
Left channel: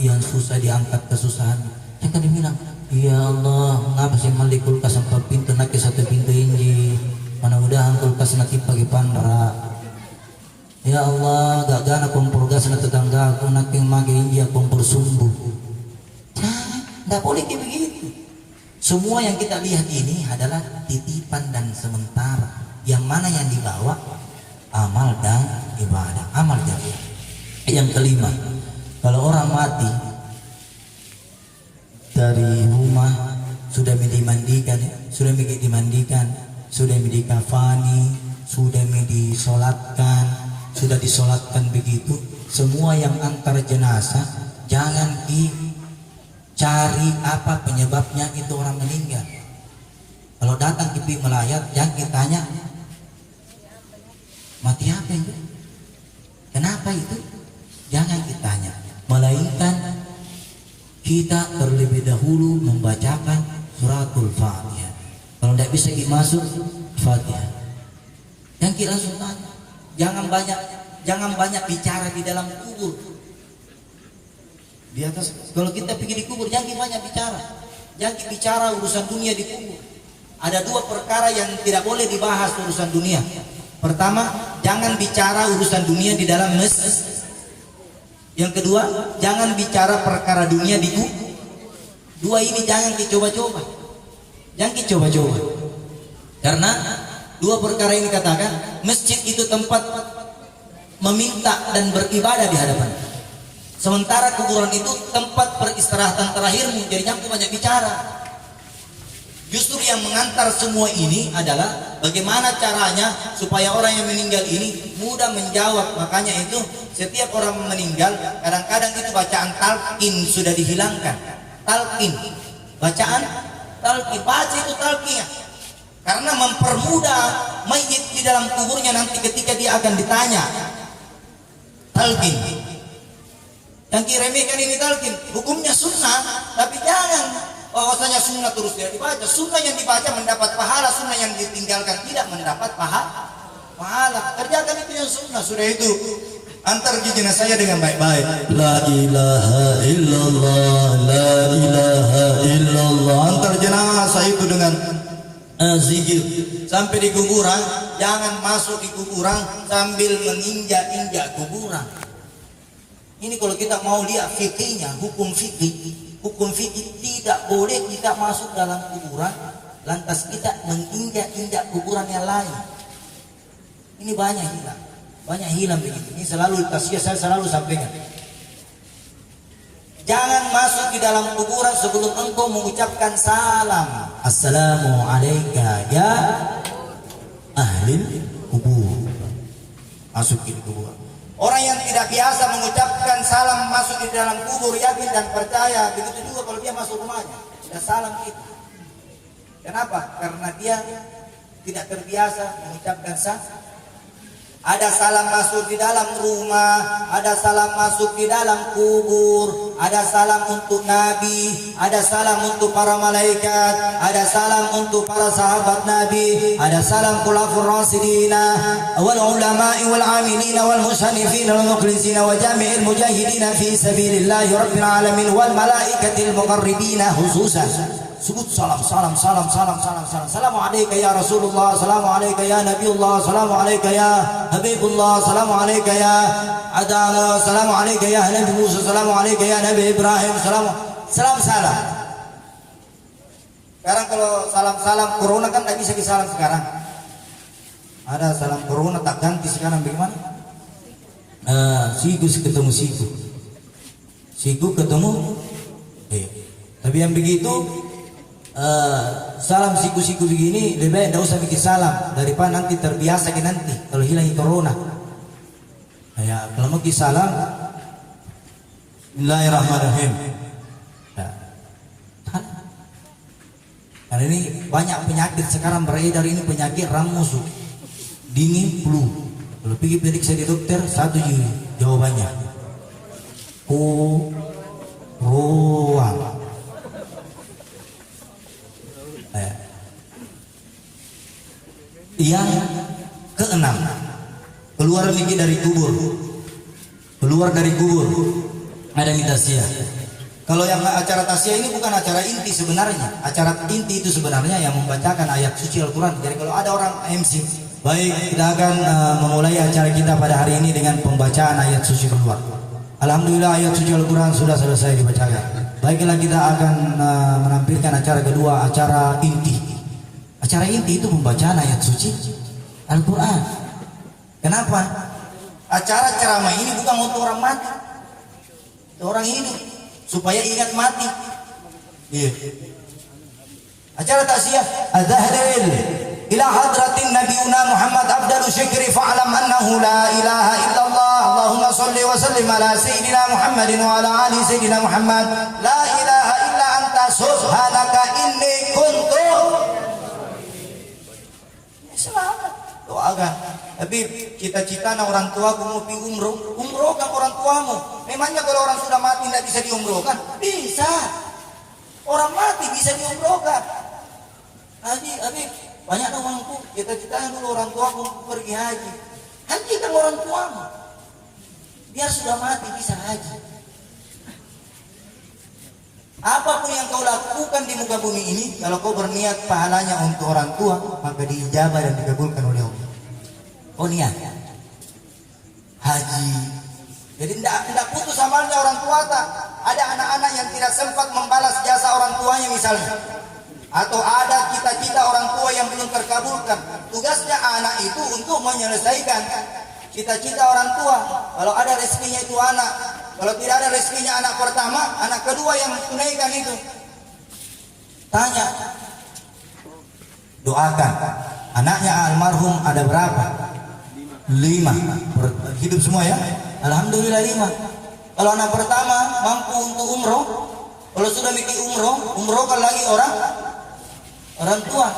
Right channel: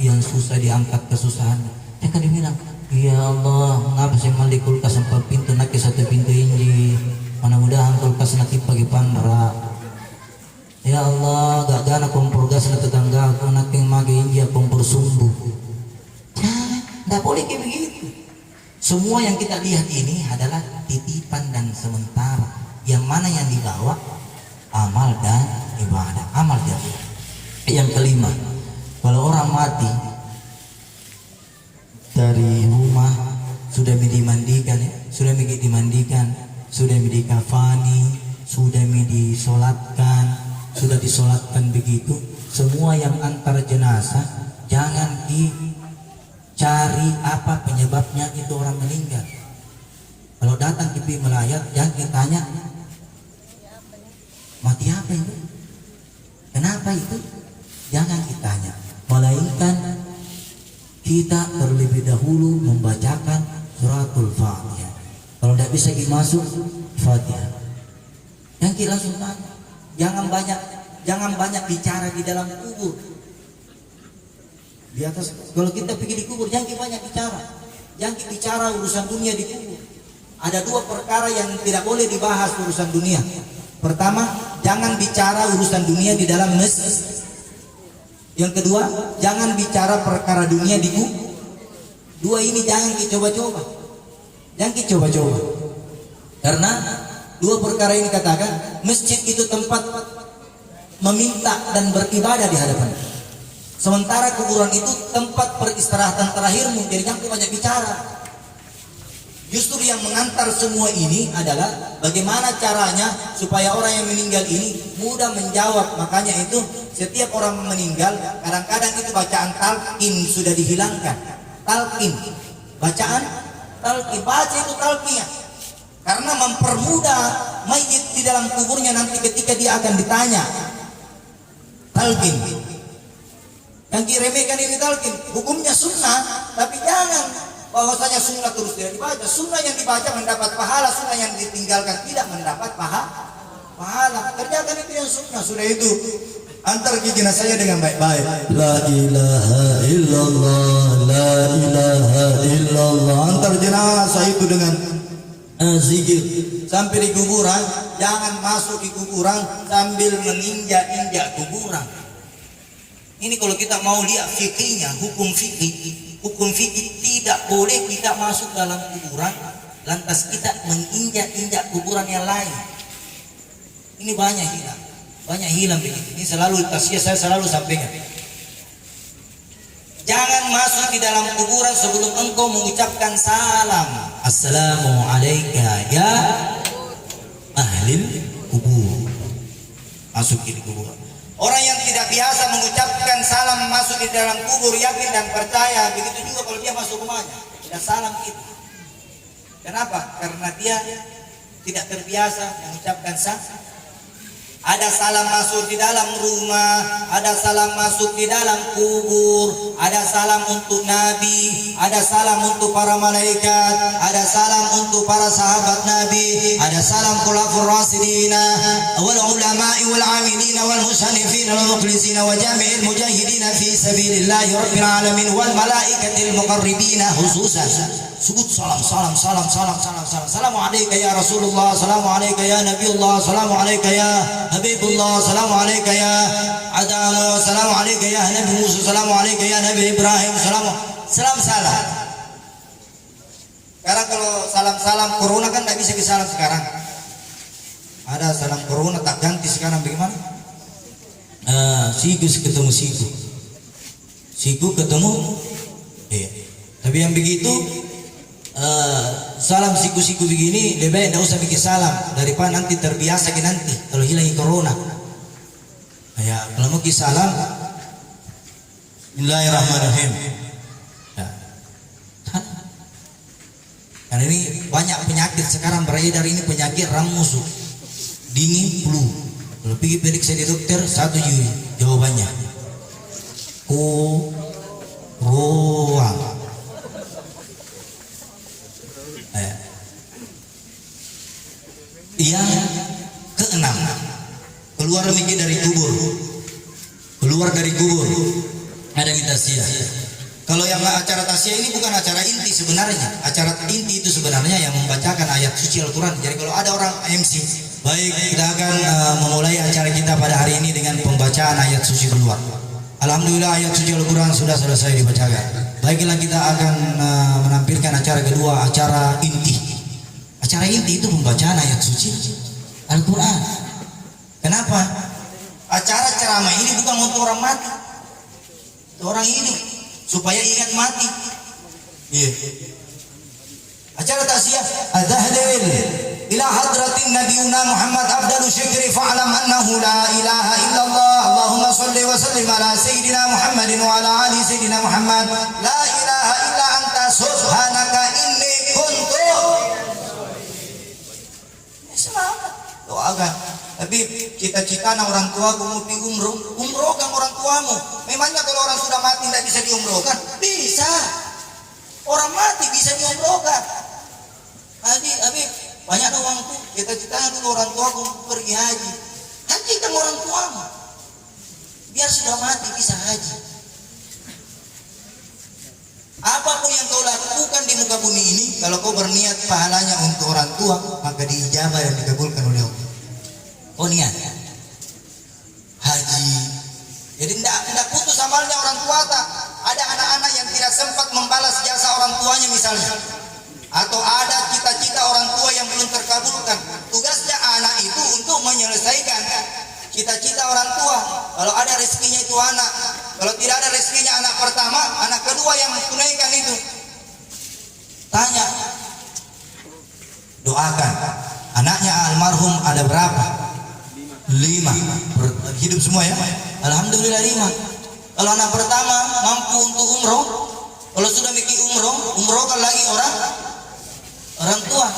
yang susah diangkat kesusahan. Dia kan dibilang, ya Allah, ngapa sih mali kulkas sampai pintu nak satu pintu ini? Mudah-mudahan kulkas nanti pagi pandra. Ya Allah, gak gana kompor gas na tetangga aku naking magi kompor sumbu. Tidak boleh kayak begitu. Semua yang kita lihat ini adalah titipan dan sementara. Yang mana yang dibawa? Amal dan ibadah. Amal dan ibadah. Yang kelima, kalau orang mati dari rumah sudah dimandikan, sudah dikafani, sudah disolatkan. Sudah disolatkan begitu, semua yang antar jenazah jangan dicari apa penyebabnya itu orang meninggal. Kalau datang ke melayat jangan ditanya mati apa itu, kata itu jangan ditanya, melainkan kita terlebih dahulu membacakan suratul Fatihah. Kalau tidak bisa dimasuk Fatihah, yang kita langsung tanya. Jangan banyak bicara di dalam kubur. Di atas, kalau kita pergi di kubur, jangan banyak bicara. Jangan bicara urusan dunia di kubur. Ada dua perkara yang tidak boleh dibahas urusan dunia. Pertama, jangan bicara urusan dunia di dalam masjid. Yang kedua, jangan bicara perkara dunia di kubur. Dua ini jangan dicoba-coba. Jangan dicoba-coba. Karena dua perkara ini katakan, masjid itu tempat meminta dan beribadah di hadapan. Sementara kuburan itu tempat peristirahatan terakhirmu. Jadi jangan banyak bicara. Justru yang mengantar semua ini adalah bagaimana caranya supaya orang yang meninggal ini mudah menjawab. Makanya itu setiap orang meninggal kadang-kadang itu bacaan talqin sudah dihilangkan. Talqin, bacaan talqin, baca itu talqinnya. Karena mempermudah mayit di dalam kuburnya nanti ketika dia akan ditanya. Talqin. Yang diremehkan ini talqin, hukumnya sunnah, tapi jangan bahwasanya sunnah terus dia dibaca. Sunnah yang dibaca mendapat pahala, sunnah yang ditinggalkan tidak mendapat pahala. Kerjakan itu yang sunnah. Sudah itu antar jenazah saya dengan baik-baik. La ilaha illallah, la ilaha illallah. Antar jenazah itu dengan zikir sampai di kuburan. Jangan masuk di kuburan sambil menginjak-injak kuburan. Ini kalau kita mau lihat fikihnya, hukum fikih tidak boleh kita masuk dalam kuburan lantas kita menginjak-injak kuburan yang lain. Ini banyak hilang begitu. Ini selalu tausiah saya selalu sampaikan. Jangan masuk di dalam kuburan sebelum engkau mengucapkan salam. Assalamu alayka ya ahlil kubur. Masuk di kuburan. Orang yang tidak biasa mengucapkan salam masuk di dalam kubur, yakin dan percaya. Begitu juga kalau dia masuk rumahnya, sudah salam kita. Kenapa? Karena dia tidak terbiasa mengucapkan salam. Ada salam masuk di dalam rumah, ada salam masuk di dalam kubur, ada salam untuk Nabi, ada salam untuk para malaikat, ada salam untuk para sahabat Nabi, ada salam khulafur rasidina wal ulama'i wal amilina wal musannifina wal mukhlisina wa jami'il mujahidina fi sabilillahi rabbil alamin wal malaikatil muqarribina khususan. Sebut salam. Assalamu alayka ya Rasulullah, assalamu alayka ya Nabiullah, assalamu alayka ya Habibullah, assalamu alayka ya Adana, assalamu alayka ya Nabi Musa, assalamu alayka ya Nabi Ibrahim, salam. Sekarang kalau salam corona kan tidak bisa disalam sekarang. Ada salam corona tak ganti sekarang bagaimana? Siku ketemu siku ketemu. Tapi yang begitu salam siku-siku begini lebih baik tidak usah bikin salam daripada nanti terbiasa nanti kalau hilang corona. Ya, kalau mau salam Bismillahirrahmanirrahim. Ya. Karena ini banyak penyakit sekarang beredar ini, penyakit ramus, dingin, flu. Kalau pergi periksa di dokter satu jawabannya corona. Yang keenam, keluar lagi dari kubur. Ada minta sia. Kalau yang acara tasya ini bukan acara inti sebenarnya. Acara inti itu sebenarnya yang membacakan ayat suci Al-Quran. Jadi kalau ada orang MC, baik kita akan memulai acara kita pada hari ini dengan pembacaan ayat suci keluar. Alhamdulillah ayat suci Al-Quran sudah selesai dibacakan. Baiklah kita akan menampilkan acara kedua, acara inti. Acara inti itu pembacaan ayat suci Al-Quran. Kenapa? Acara ceramah ini bukan untuk orang mati. Orang ini supaya ingat mati. Iya. Acara taksiyah adzahil ila hadratin nabiyuna Muhammad afdalu syukri fa'lam annahu la ilaha illallah. Allahumma shalli wa sallim ala sayyidina Muhammadin wa ala ali sayyidina Muhammad. La ilaha illa anta subhanaka inni kuntu. Semangat doakan. Habib, cita-cita orang tua aku mau di umrohkan orang tuamu. Memangnya kalau orang sudah mati tidak bisa diumrohkan? Bisa. Orang mati bisa diumrohkan. Habib, banyak orang tuh cita-citanya dulu orang tua aku pergi haji. Hajikan orang tuamu. Biar sudah mati bisa haji. Apapun yang kau lakukan di muka bumi ini, kalau kau berniat pahalanya untuk orang tua, maka diijabah dan dikabulkan oleh Allah. Oh niat haji. Jadi tidak putus amalnya orang tua tak. Ada anak-anak yang tidak sempat membalas jasa orang tuanya misalnya. Atau ada cita-cita orang tua yang belum terkabulkan. Tugasnya anak itu untuk menyelesaikan cita-cita orang tua. Kalau ada rezekinya itu anak. Kalau tidak ada rezekinya anak pertama, anak kedua yang tunaikan itu. Tanya. Doakan. Anaknya almarhum ada berapa? 5. Hidup semua ya? Alhamdulillah 5. Kalau anak pertama mampu untuk umroh, kalau sudah mikir umrohkan lagi orang tua.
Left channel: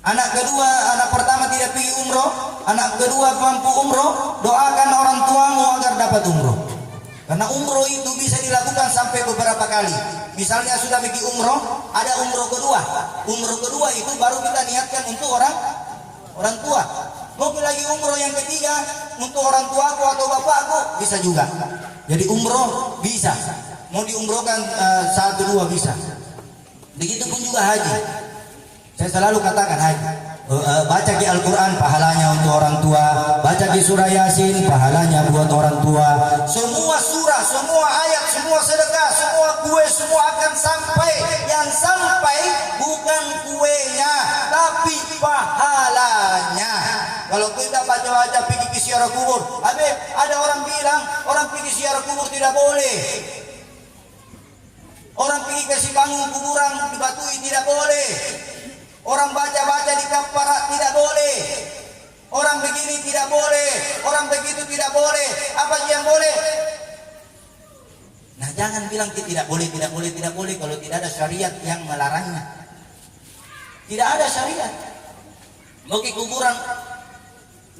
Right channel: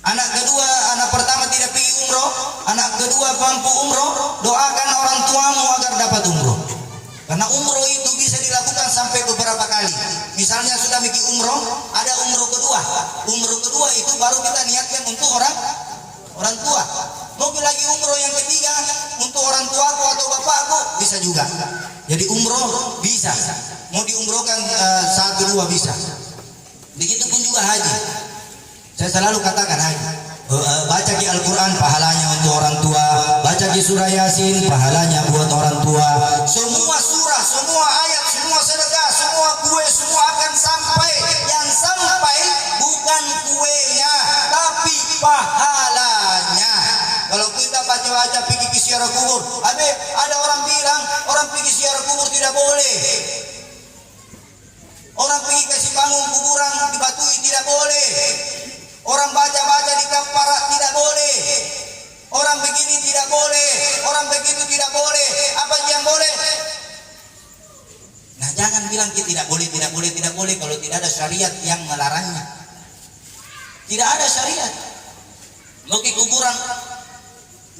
Anak kedua, anak pertama tidak pergi umroh, anak kedua mampu umroh, doakan orang tuamu agar dapat umroh. Karena umroh itu bisa dilakukan sampai beberapa kali. Misalnya sudah mikir umroh, ada umroh kedua. Umroh kedua itu baru kita niatkan untuk orang tua. Mau lagi umroh yang ketiga untuk orang tuaku atau bapakku bisa juga. Jadi umroh bisa. Mau diumrohkan 1-2 bisa. Begitupun juga haji. Saya selalu katakan haji. Baca di Al-Quran pahalanya untuk orang tua. Baca di surah Yasin pahalanya buat orang tua. Semua surah, semua ayat, semua sedekah, semua kue, semua akan sampai. Yang sampai bukan kuenya, tapi pahalanya. Kalau kita baca-baca pergi ke ziarah kubur, ada orang bilang orang pergi ziarah kubur tidak boleh. Orang pergi ke Sibangun kuburan dibatui tidak boleh. Orang baca-baca di kampara tidak boleh. Orang begini tidak boleh. Orang begitu tidak boleh. Apa yang boleh? Nah, jangan bilang tidak boleh kalau tidak ada syariat yang melarangnya. Tidak ada syariat. Oke, kuburan.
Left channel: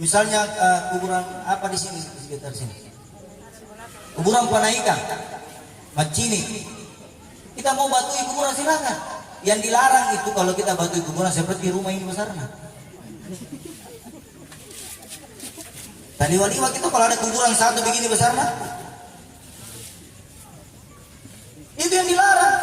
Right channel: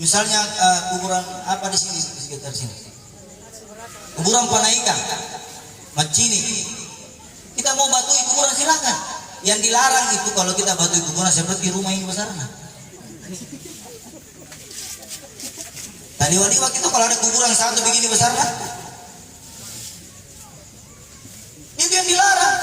Misalnya kuburan apa di sini, di sekitar sini? Kuburan Panaikan, Macini. Kita mau batui kuburan silakan. Yang dilarang itu kalau kita batui kuburan seperti rumah ini besarnya. Tadi waliwat itu kalau ada kuburan satu begini besarnya, itu yang dilarang.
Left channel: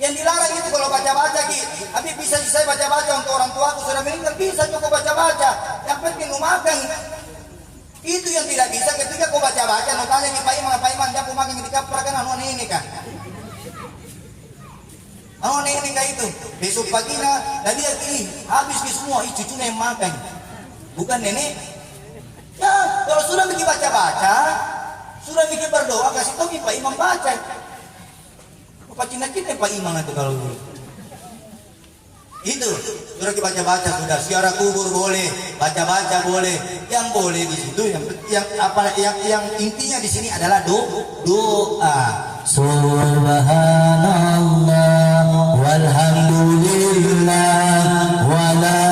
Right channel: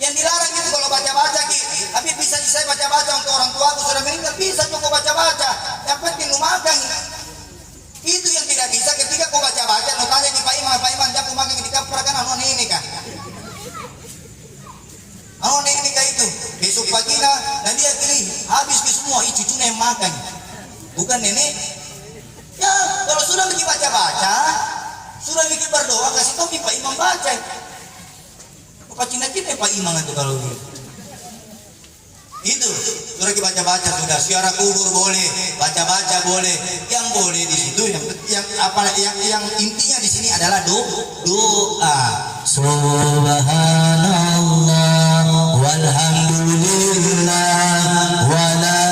Yang dilarang itu kalau baca-baca gitu. Tapi bisa saya baca-baca untuk orang tua aku sudah meninggal, bisa cukup baca-baca. Yang penting makan. Itu yang tidak bisa ketika kau baca-baca, mau tanya ke Pak Imam, jangan makan di kapal kan ini kan. Ini kayak itu. Besok paginya dan dia pilih habis ke semua cucunya yang makan. Bukan nenek. Ya, kalau sudah bikin baca-baca, sudah bikin berdoa, kasih tahu Pak Imam baca. Bukan kita Pak Imam itu kalau itu sudah baca-baca sudah ziarah kubur boleh, baca-baca boleh. Yang boleh di situ yang intinya di sini adalah doa. Subhanallah walhamdulillah wala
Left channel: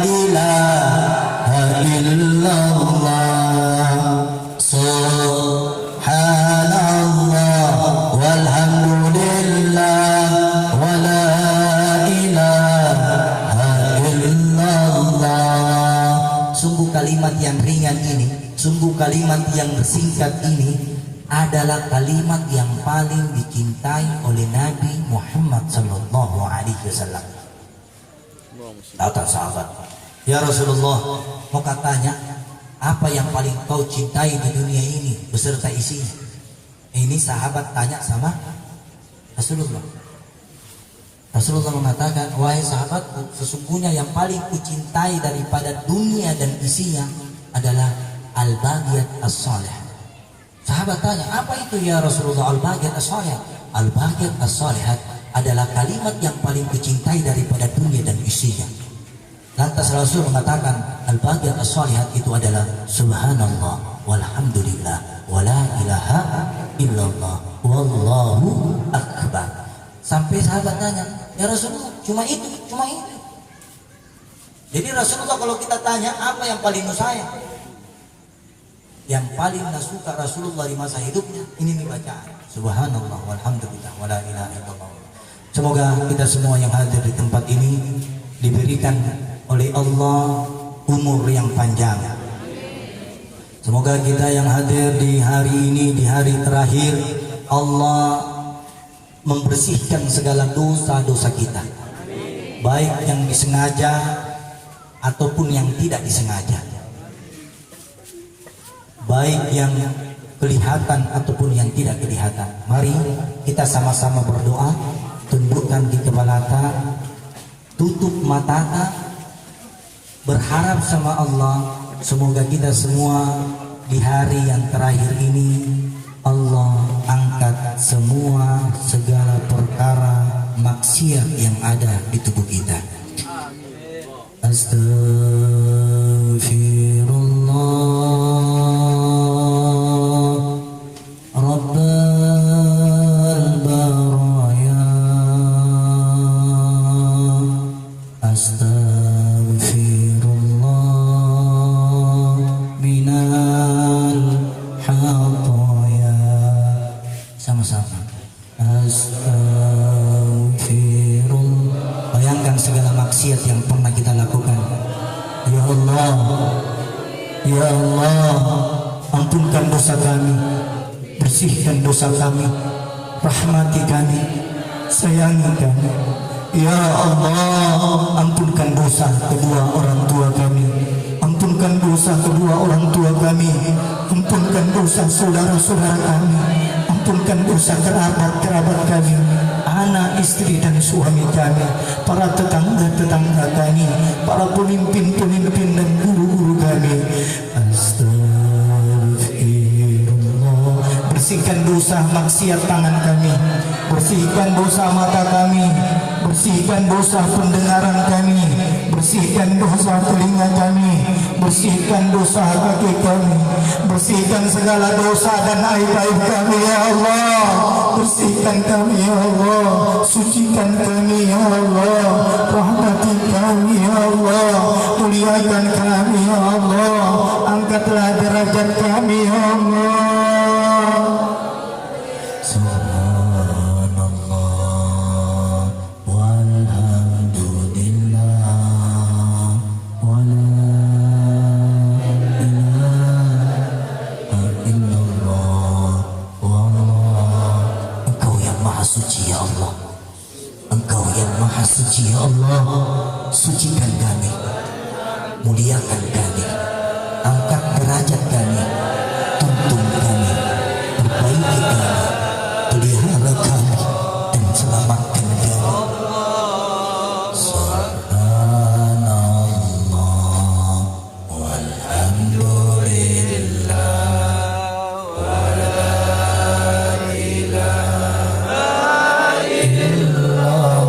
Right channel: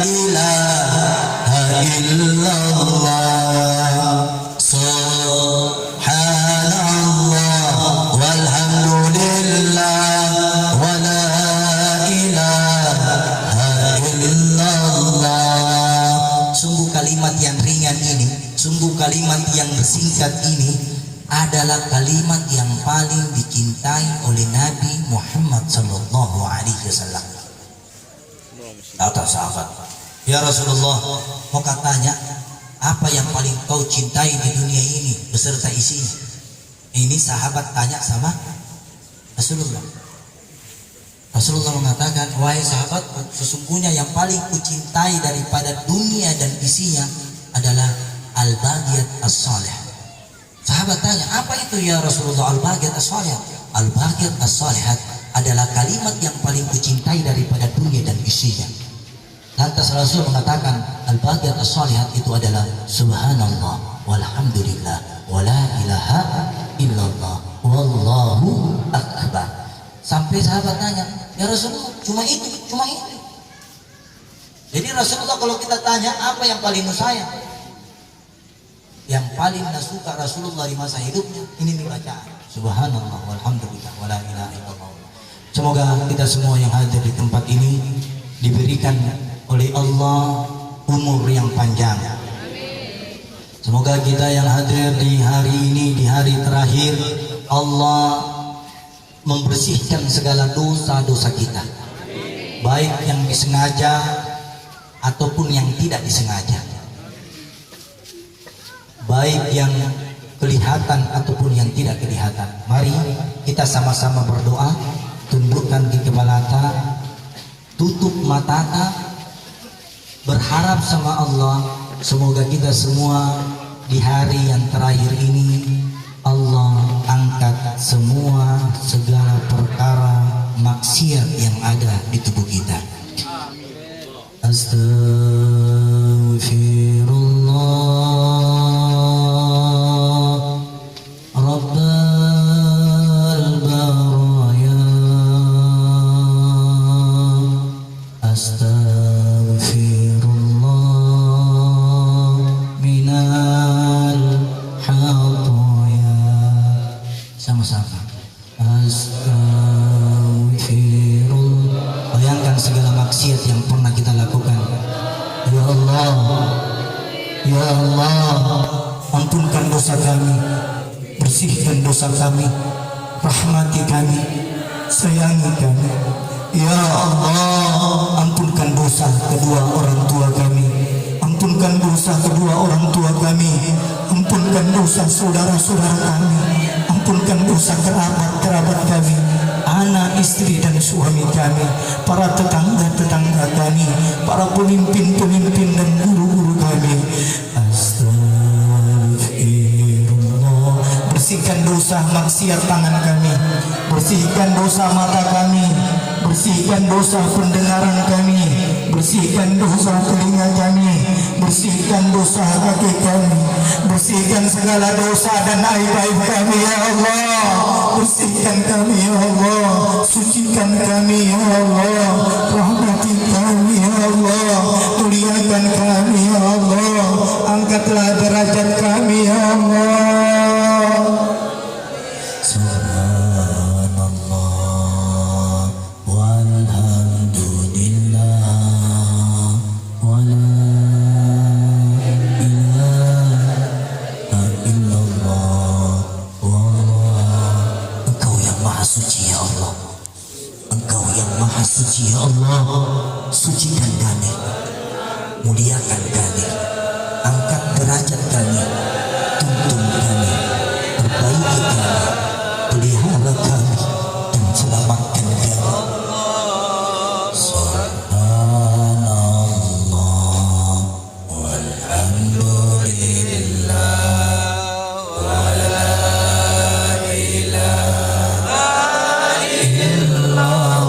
ilaha illallah. Subhanallah walhamdulillah wala ilaha illallah. Sungguh kalimat yang ringan ini, sungguh kalimat yang singkat ini adalah kalimat yang paling dicintai oleh Nabi Muhammad sallallahu alaihi wasallam. Kata sahabat, "Ya Rasulullah, mau katanya, apa yang paling kau cintai di dunia ini beserta isinya?" Ini sahabat tanya sama Rasulullah. Rasulullah mengatakan, "Wahai sahabatku, sesungguhnya yang paling kucintai daripada dunia dan isinya adalah al-baqiyat as-salih." Sahabat tanya, apa itu ya Rasulullah al-baqiyat as-salihat? Al-baqiyat as-salihat adalah kalimat yang paling kucintai daripada dunia dan isinya. Lantas Rasul mengatakan al-baqiyat as-salihat itu adalah subhanallah walhamdulillah wala ilaha illallah wallahu akbar. Sampai sahabat tanya, ya Rasulullah cuma itu. Jadi Rasulullah kalau kita tanya apa yang paling nusayang, yang paling nasuka Rasulullah di masa hidupnya ini nih bacaan. Subhanallah walhamdulillah wala ilaha illallah. Semoga kita semua yang hadir di tempat ini diberikan oleh Allah umur yang panjang. Semoga kita yang hadir di hari ini, di hari terakhir, Allah membersihkan segala dosa-dosa kita, baik yang disengaja ataupun yang tidak disengaja, baik yang kelihatan ataupun yang tidak kelihatan. Mari kita sama-sama berdoa, tundukkan di kepala, tutup mata, berharap sama Allah. Semoga kita semua di hari yang terakhir ini Allah angkat semua segala perkara maksiat yang ada di tubuh kita. Astaghfirullah Rabbal baraya. Astaghfirullah minal khataya. Sama-sama. Astaghfirullah. Bayangkan segala maksiat yang pernah kita lakukan. Ya Allah, ya Allah, ampunkan dosa kami, bersihkan dosa kami, rahmati kami, sayangi kami. Ya Allah, ampunkan dosa kedua orang tua kami, ampunkan dosa kedua orang tua kami, ampunkan dosa saudara-saudara kami, ampunkan dosa kerabat-kerabat kami, anak, istri dan suami kami, para tetangga-tetangga kami, para pemimpin-pemimpin dan guru-guru kami. Astagfirullah. Bersihkan dosa maksiat tangan kami, bersihkan dosa mata kami, bersihkan dosa pendengaran kami, bersihkan dosa telinga kami, bersihkan dosa kaki kami, bersihkan segala dosa dan aib-aib kami ya Allah. Bersihkan kami ya Allah, sucikan kami ya Allah, rahmati kami ya Allah, muliakan kami ya Allah, angkatlah derajat kami ya Allah. Subhanallah walhamdulillah wala ilaha illallah wallah. Engkau yang maha suci ya Allah, Engkau yang maha suci ya Allah. Sucikan kami, muliakan kami, angkat derajat kami, tuntun kami, perbaiki kami, pelihara kami, dan selamatkan kami. Subhanallah walhamdulillah wala ilaha illallah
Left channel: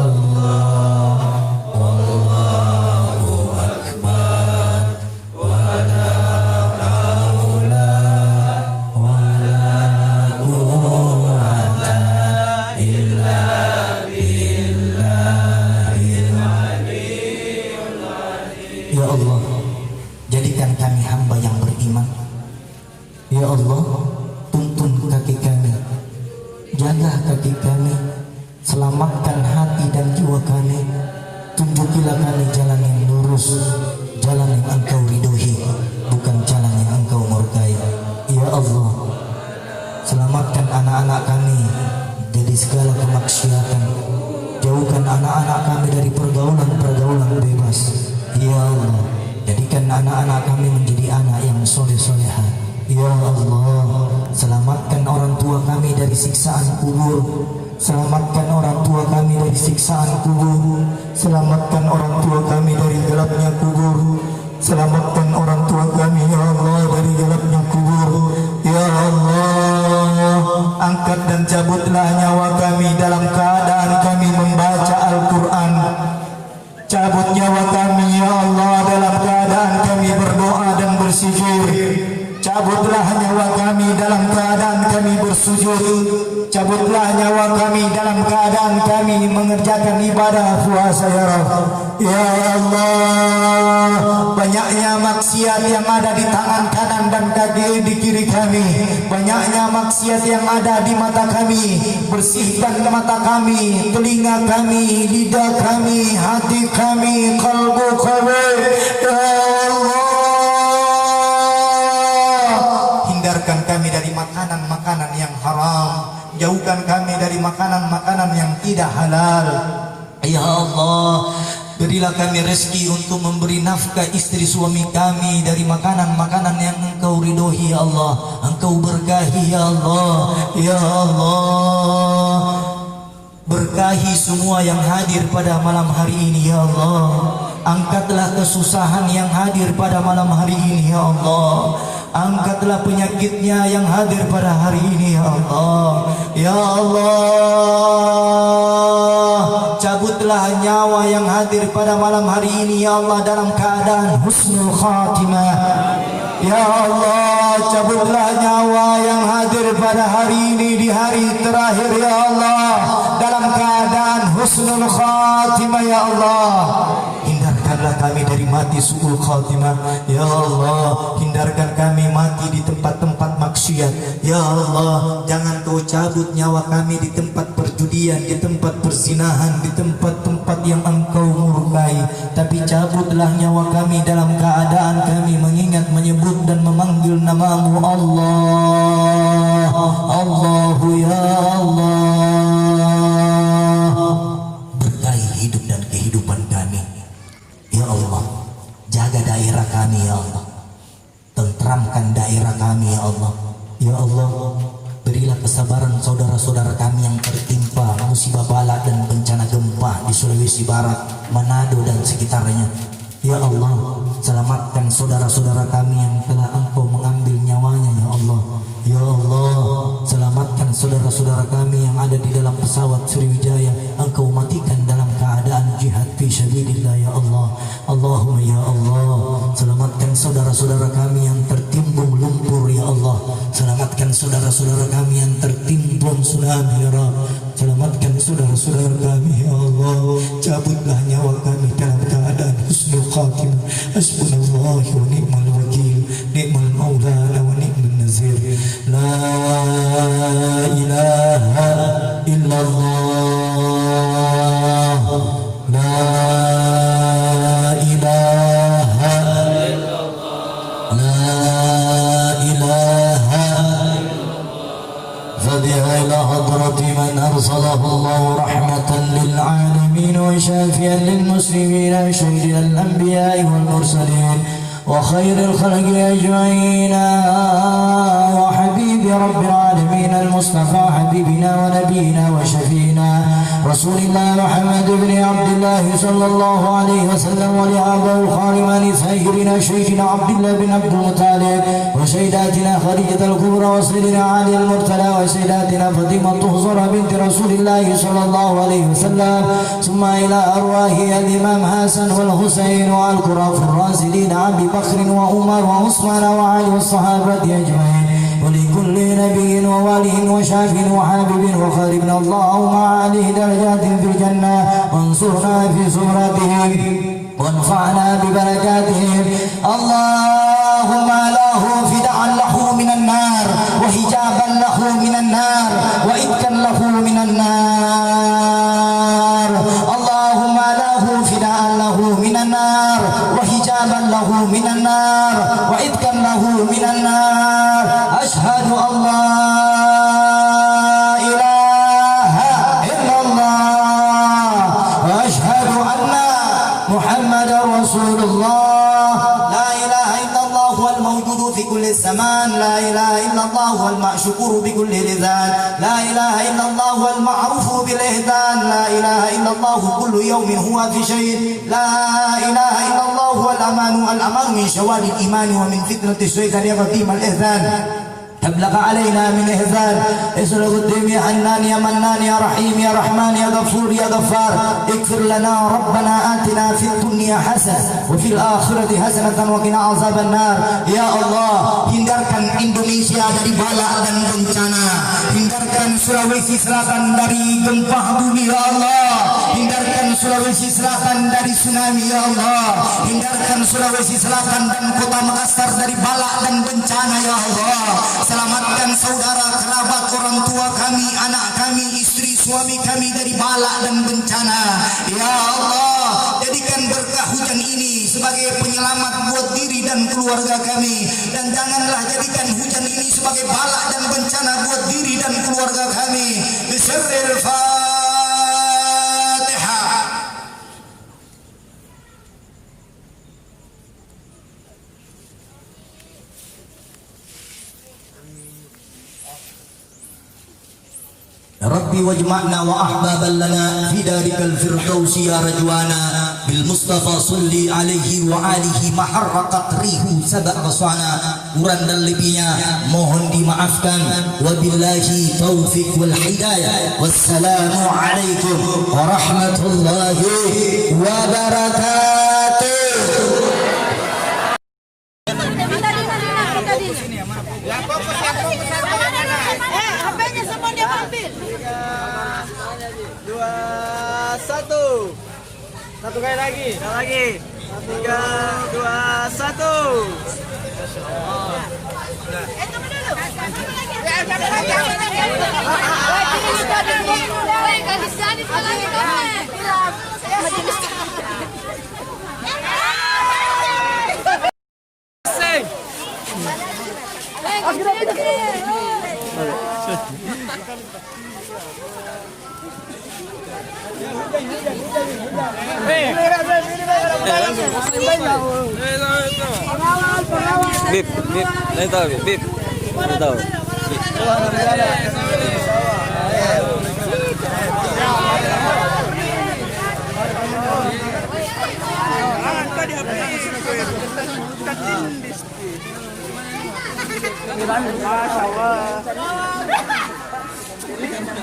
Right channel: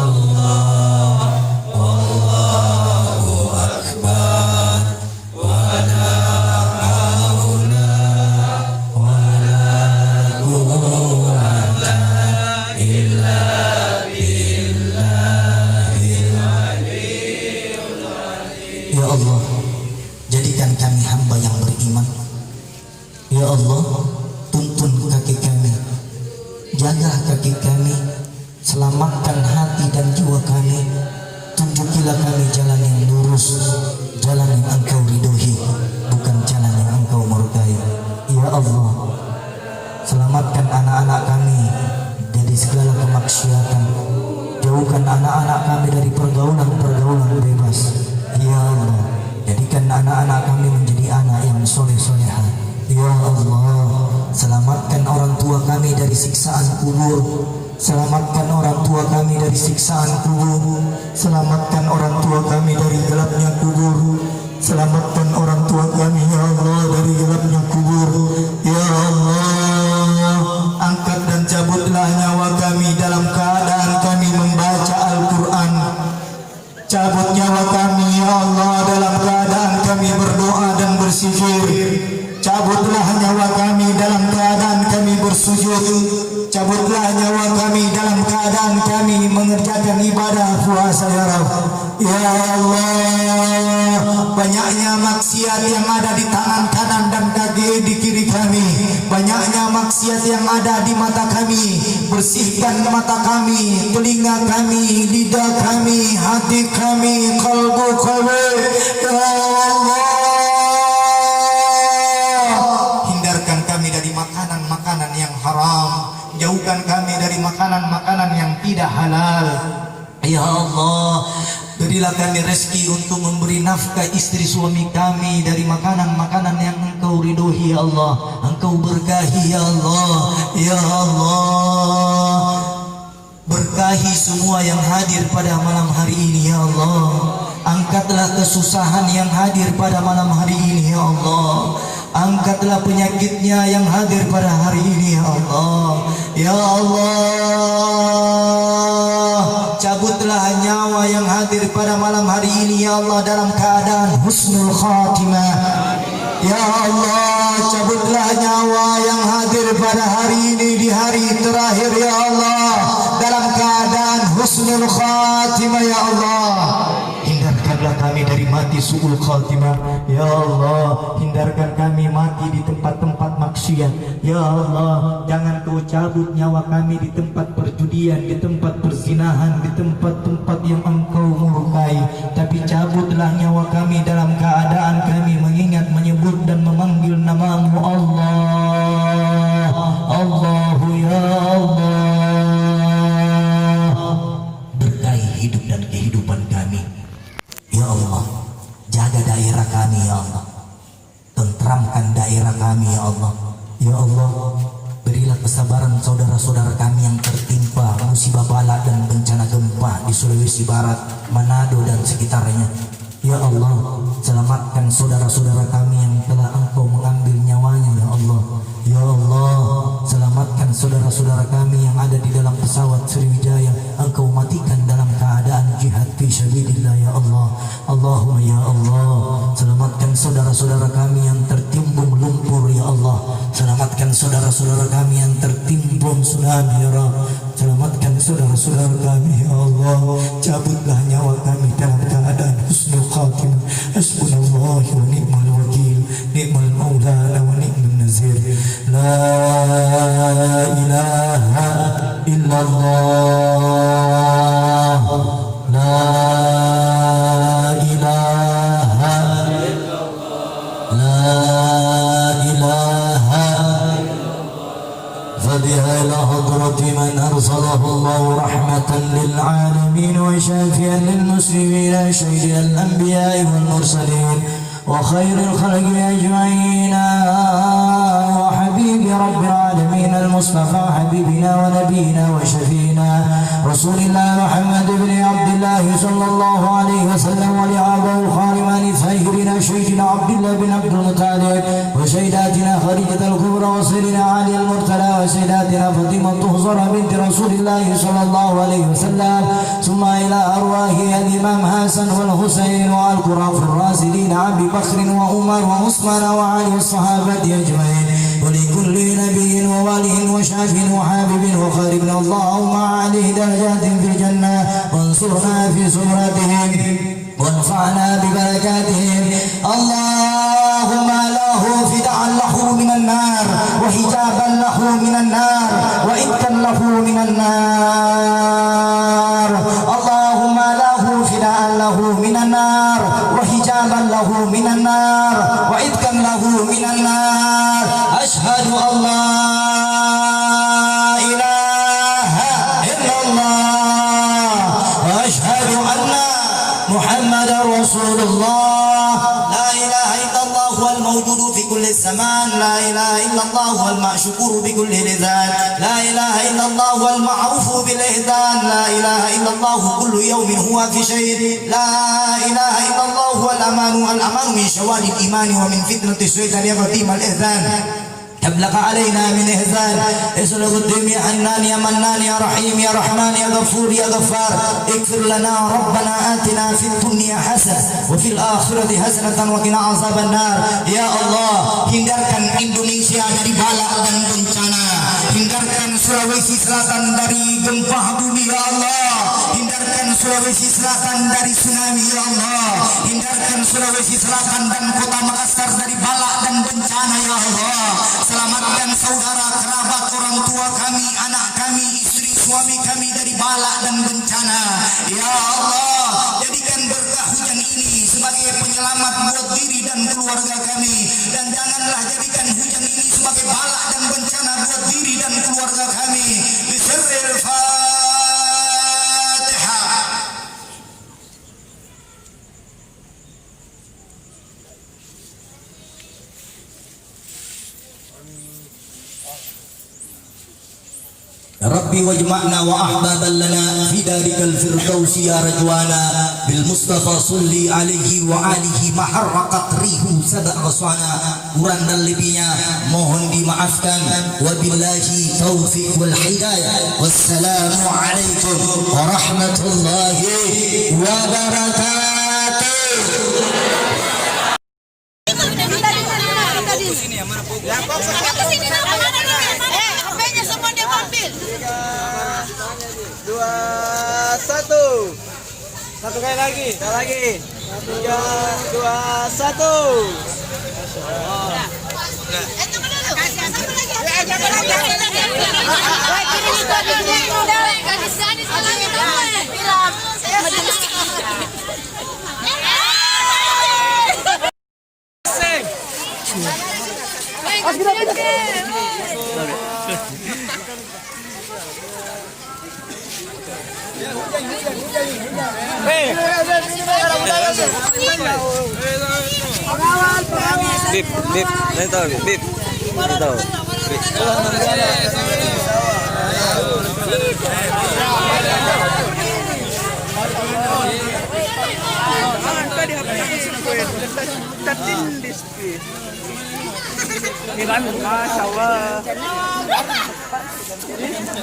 wallahu akbar wala haula wala quwwata illa billahil aliyyil azim. Ya Allah, jadikan kami hamba yang beriman. Ya Allah, tuntun kaki kami, jaga kaki kami, selamatkan hati dan jiwa kami, tunjukilah kami jalan yang lurus, jalan yang Engkau ridhoi, bukan jalan yang Engkau murkai. Ya Allah, selamatkan anak-anak kami dari segala kemaksiatan, jauhkan anak-anak kami dari pergaulan-pergaulan bebas. Ya Allah, jadikan anak-anak kami menjadi anak yang soleh-solehah. Ya Allah, selamatkan orang tua kami dari siksaan kubur, selamatkan orang tua kami dari siksaan kubur, selamatkan orang tua kami dari gelapnya kubur, selamatkan orang tua kami ya Allah dari gelapnya kubur. Ya Allah, angkat dan cabutlah nyawa kami dalam keadaan kami membaca Al-Quran. Cabut nyawa kami ya Allah dalam keadaan kami berdoa dan berzikir. Cabutlah nyawa kami dalam keadaan kami bersujud. Cabutlah nyawa kami dalam keadaan kami kami mengerjakan ibadah puasa ya Rabb. Ya Allah, banyaknya maksiat yang ada di tangan kanan dan kaki di kiri kami, banyaknya maksiat yang ada di mata kami. Bersihkan mata kami, telinga kami, lidah kami, hati kami, kalbu kami. Ya Allah, hindarkan kami dari makanan-makanan yang haram, jauhkan kami dari makanan-makanan yang tidak halal. Ya Allah, berilah kami rezeki untuk memberi nafkah istri suami kami dari makanan-makanan yang Engkau ridhoi ya Allah, Engkau berkahi ya Allah. Ya Allah, berkahi semua yang hadir pada malam hari ini ya Allah. Angkatlah kesusahan yang hadir pada malam hari ini ya Allah. Angkatlah penyakitnya yang hadir pada hari ini ya Allah. Ya Allah, cabutlah nyawa yang hadir pada malam hari ini ya Allah dalam keadaan husnul khatimah. Ya Allah, cabutlah nyawa yang hadir pada hari ini di hari terakhir ya Allah dalam keadaan husnul khatimah ya Allah. Hindarkanlah kami dari mati su'ul khatimah ya Allah. Hindarkan kami mati di tempat-tempat maksiat ya Allah. Jangan Kau cabut nyawa kami di tempat perjudian, di tempat persinahan, di tempat-tempat yang Engkau murkai. Tapi cabutlah nyawa kami dalam keadaan kami mengingat, menyebut dan memanggil nama-Mu Allah. Allahu ya Allah. Berkahi hidup dan kehidupan kami ya Allah. Jaga daerah kami ya Allah. Tentramkan daerah kami ya Allah. Ya Allah, berilah kesabaran saudara-saudara kami yang tertimpa musibah bala dan bencana gempa di Sulawesi Barat, Manado dan sekitarnya. Ya Allah, selamatkan saudara-saudara kami yang telah Engkau mengambil nyawanya ya Allah. Ya Allah, selamatkan saudara-saudara kami yang ada di dalam pesawat Sriwijaya. Engkau matikan dalam keadaan jihad fi sabilillah ya Allah. Allahumma ya Allah, selamatkan saudara-saudara kami yang tertimbun lumpur ya Allah. Selamatkan saudara-saudara kami yang tertimbun tsunami ya Rabb. Selamatkan saudara-saudara kami ya Allah. Cabutlah nyawa kami dalam keadaan husnul khatimah. Hasbunallah wa ni'mal wakil, ni'mal maulana wa ni'mal nazir. La ilaha illallah, la ilaha illallah, la ilaha فبها إلى حضرة من أرسله الله رحمة للعالمين وشافيا للمسلمين سيد الأنبياء والمرسلين وخير الخلق أجمعين وحبيب رب العالمين المصطفى حبيبنا ونبينا وشفينا رسول الله محمد بن عبد الله صلى الله عليه وسلم ولعبه الخالمان سيدنا شيخنا عبد الله بن عبد المطلب وسيداتنا خديجة الكبرى وسيدنا علي المرتلى وسيداتنا فاطمة الزهراء بنت رسول الله صلى الله عليه وسلم ثم إلى أرواح الإمام حسن والحسين والقرى الراشدين أبي بكر وعمر وعثمان وعلي والصحابة أجمعين ولكل نبي وولي وشاف وحابب وخارب اللهم عليه درجات في الجنة وانصرنا في سمرتهم وانفعنا ببركاتهم. اللهم له فداء له من النار وحجابا له من النار وإذكا له من النار. اللهم له فداء له من النار وحجابا له من النار وإذكا له من النار. أشهد أن لا إله إلا الله وأشهد أن محمدا رسول الله. لا إله إلا الله هو الموجود في كل الزمان. لا إله إلا الله هو المشكور بكل لسان. لا إله إلا الله هو المعروف بالإحسان. لا إله إلا الله كل يوم هو في شيء. لا إله إلا الله هو الأمان من شوال الإيمان ومن فتنة الشيطان الرجيم الإحسان. هب لك علينا من إحسان اسلك الدم يا حنان يا منان يا رحيم يا رحمن يا غفور يا غفار اغفر لنا ربنا آتنا في الدنيا حسنة وفي الآخرة حسنة وقنا عذاب النار. Ya Allah, hindarkan Indonesia dari bala dan bencana, hindarkan Sulawesi Selatan dari gempa bumi ya Allah, hindarkan Sulawesi Selatan dari tsunami ya Allah, hindarkan Sulawesi Selatan dan kota Makassar dari bala dan bencana ya Allah. Selamatkan saudara, kerabat, orang tua kami, anak kami, istri, suami kami dari bala dan bencana. Ya Allah, jadikan berkah hujan ini sebagai penyelamat buat diri dan keluarga kami. Dan janganlah jadikan hujan ini sebagai bala dan bencana buat diri dan keluarga kami. Bismillahirrahmanirrahim. ربي واجمعنا وأحبابا لنا في ذلك الفردوس يا رجوانا بالمصطفى صلي عليه وآله محرقت ريح سبع غصانا. Kurang dan lebihnya mohon dimaafkan. Wabillahi taufiq wal hidayah. Wassalamu alaikum warahmatullahi wabarakatuh. HP-nya semua dia ambil. 3, 2, 1. Satu kali lagi. Satu lagi. 3, 2, 1. Masya Allah. Bip, bip, saya tahu bip, bip, saya tahu.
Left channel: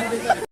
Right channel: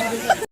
Ini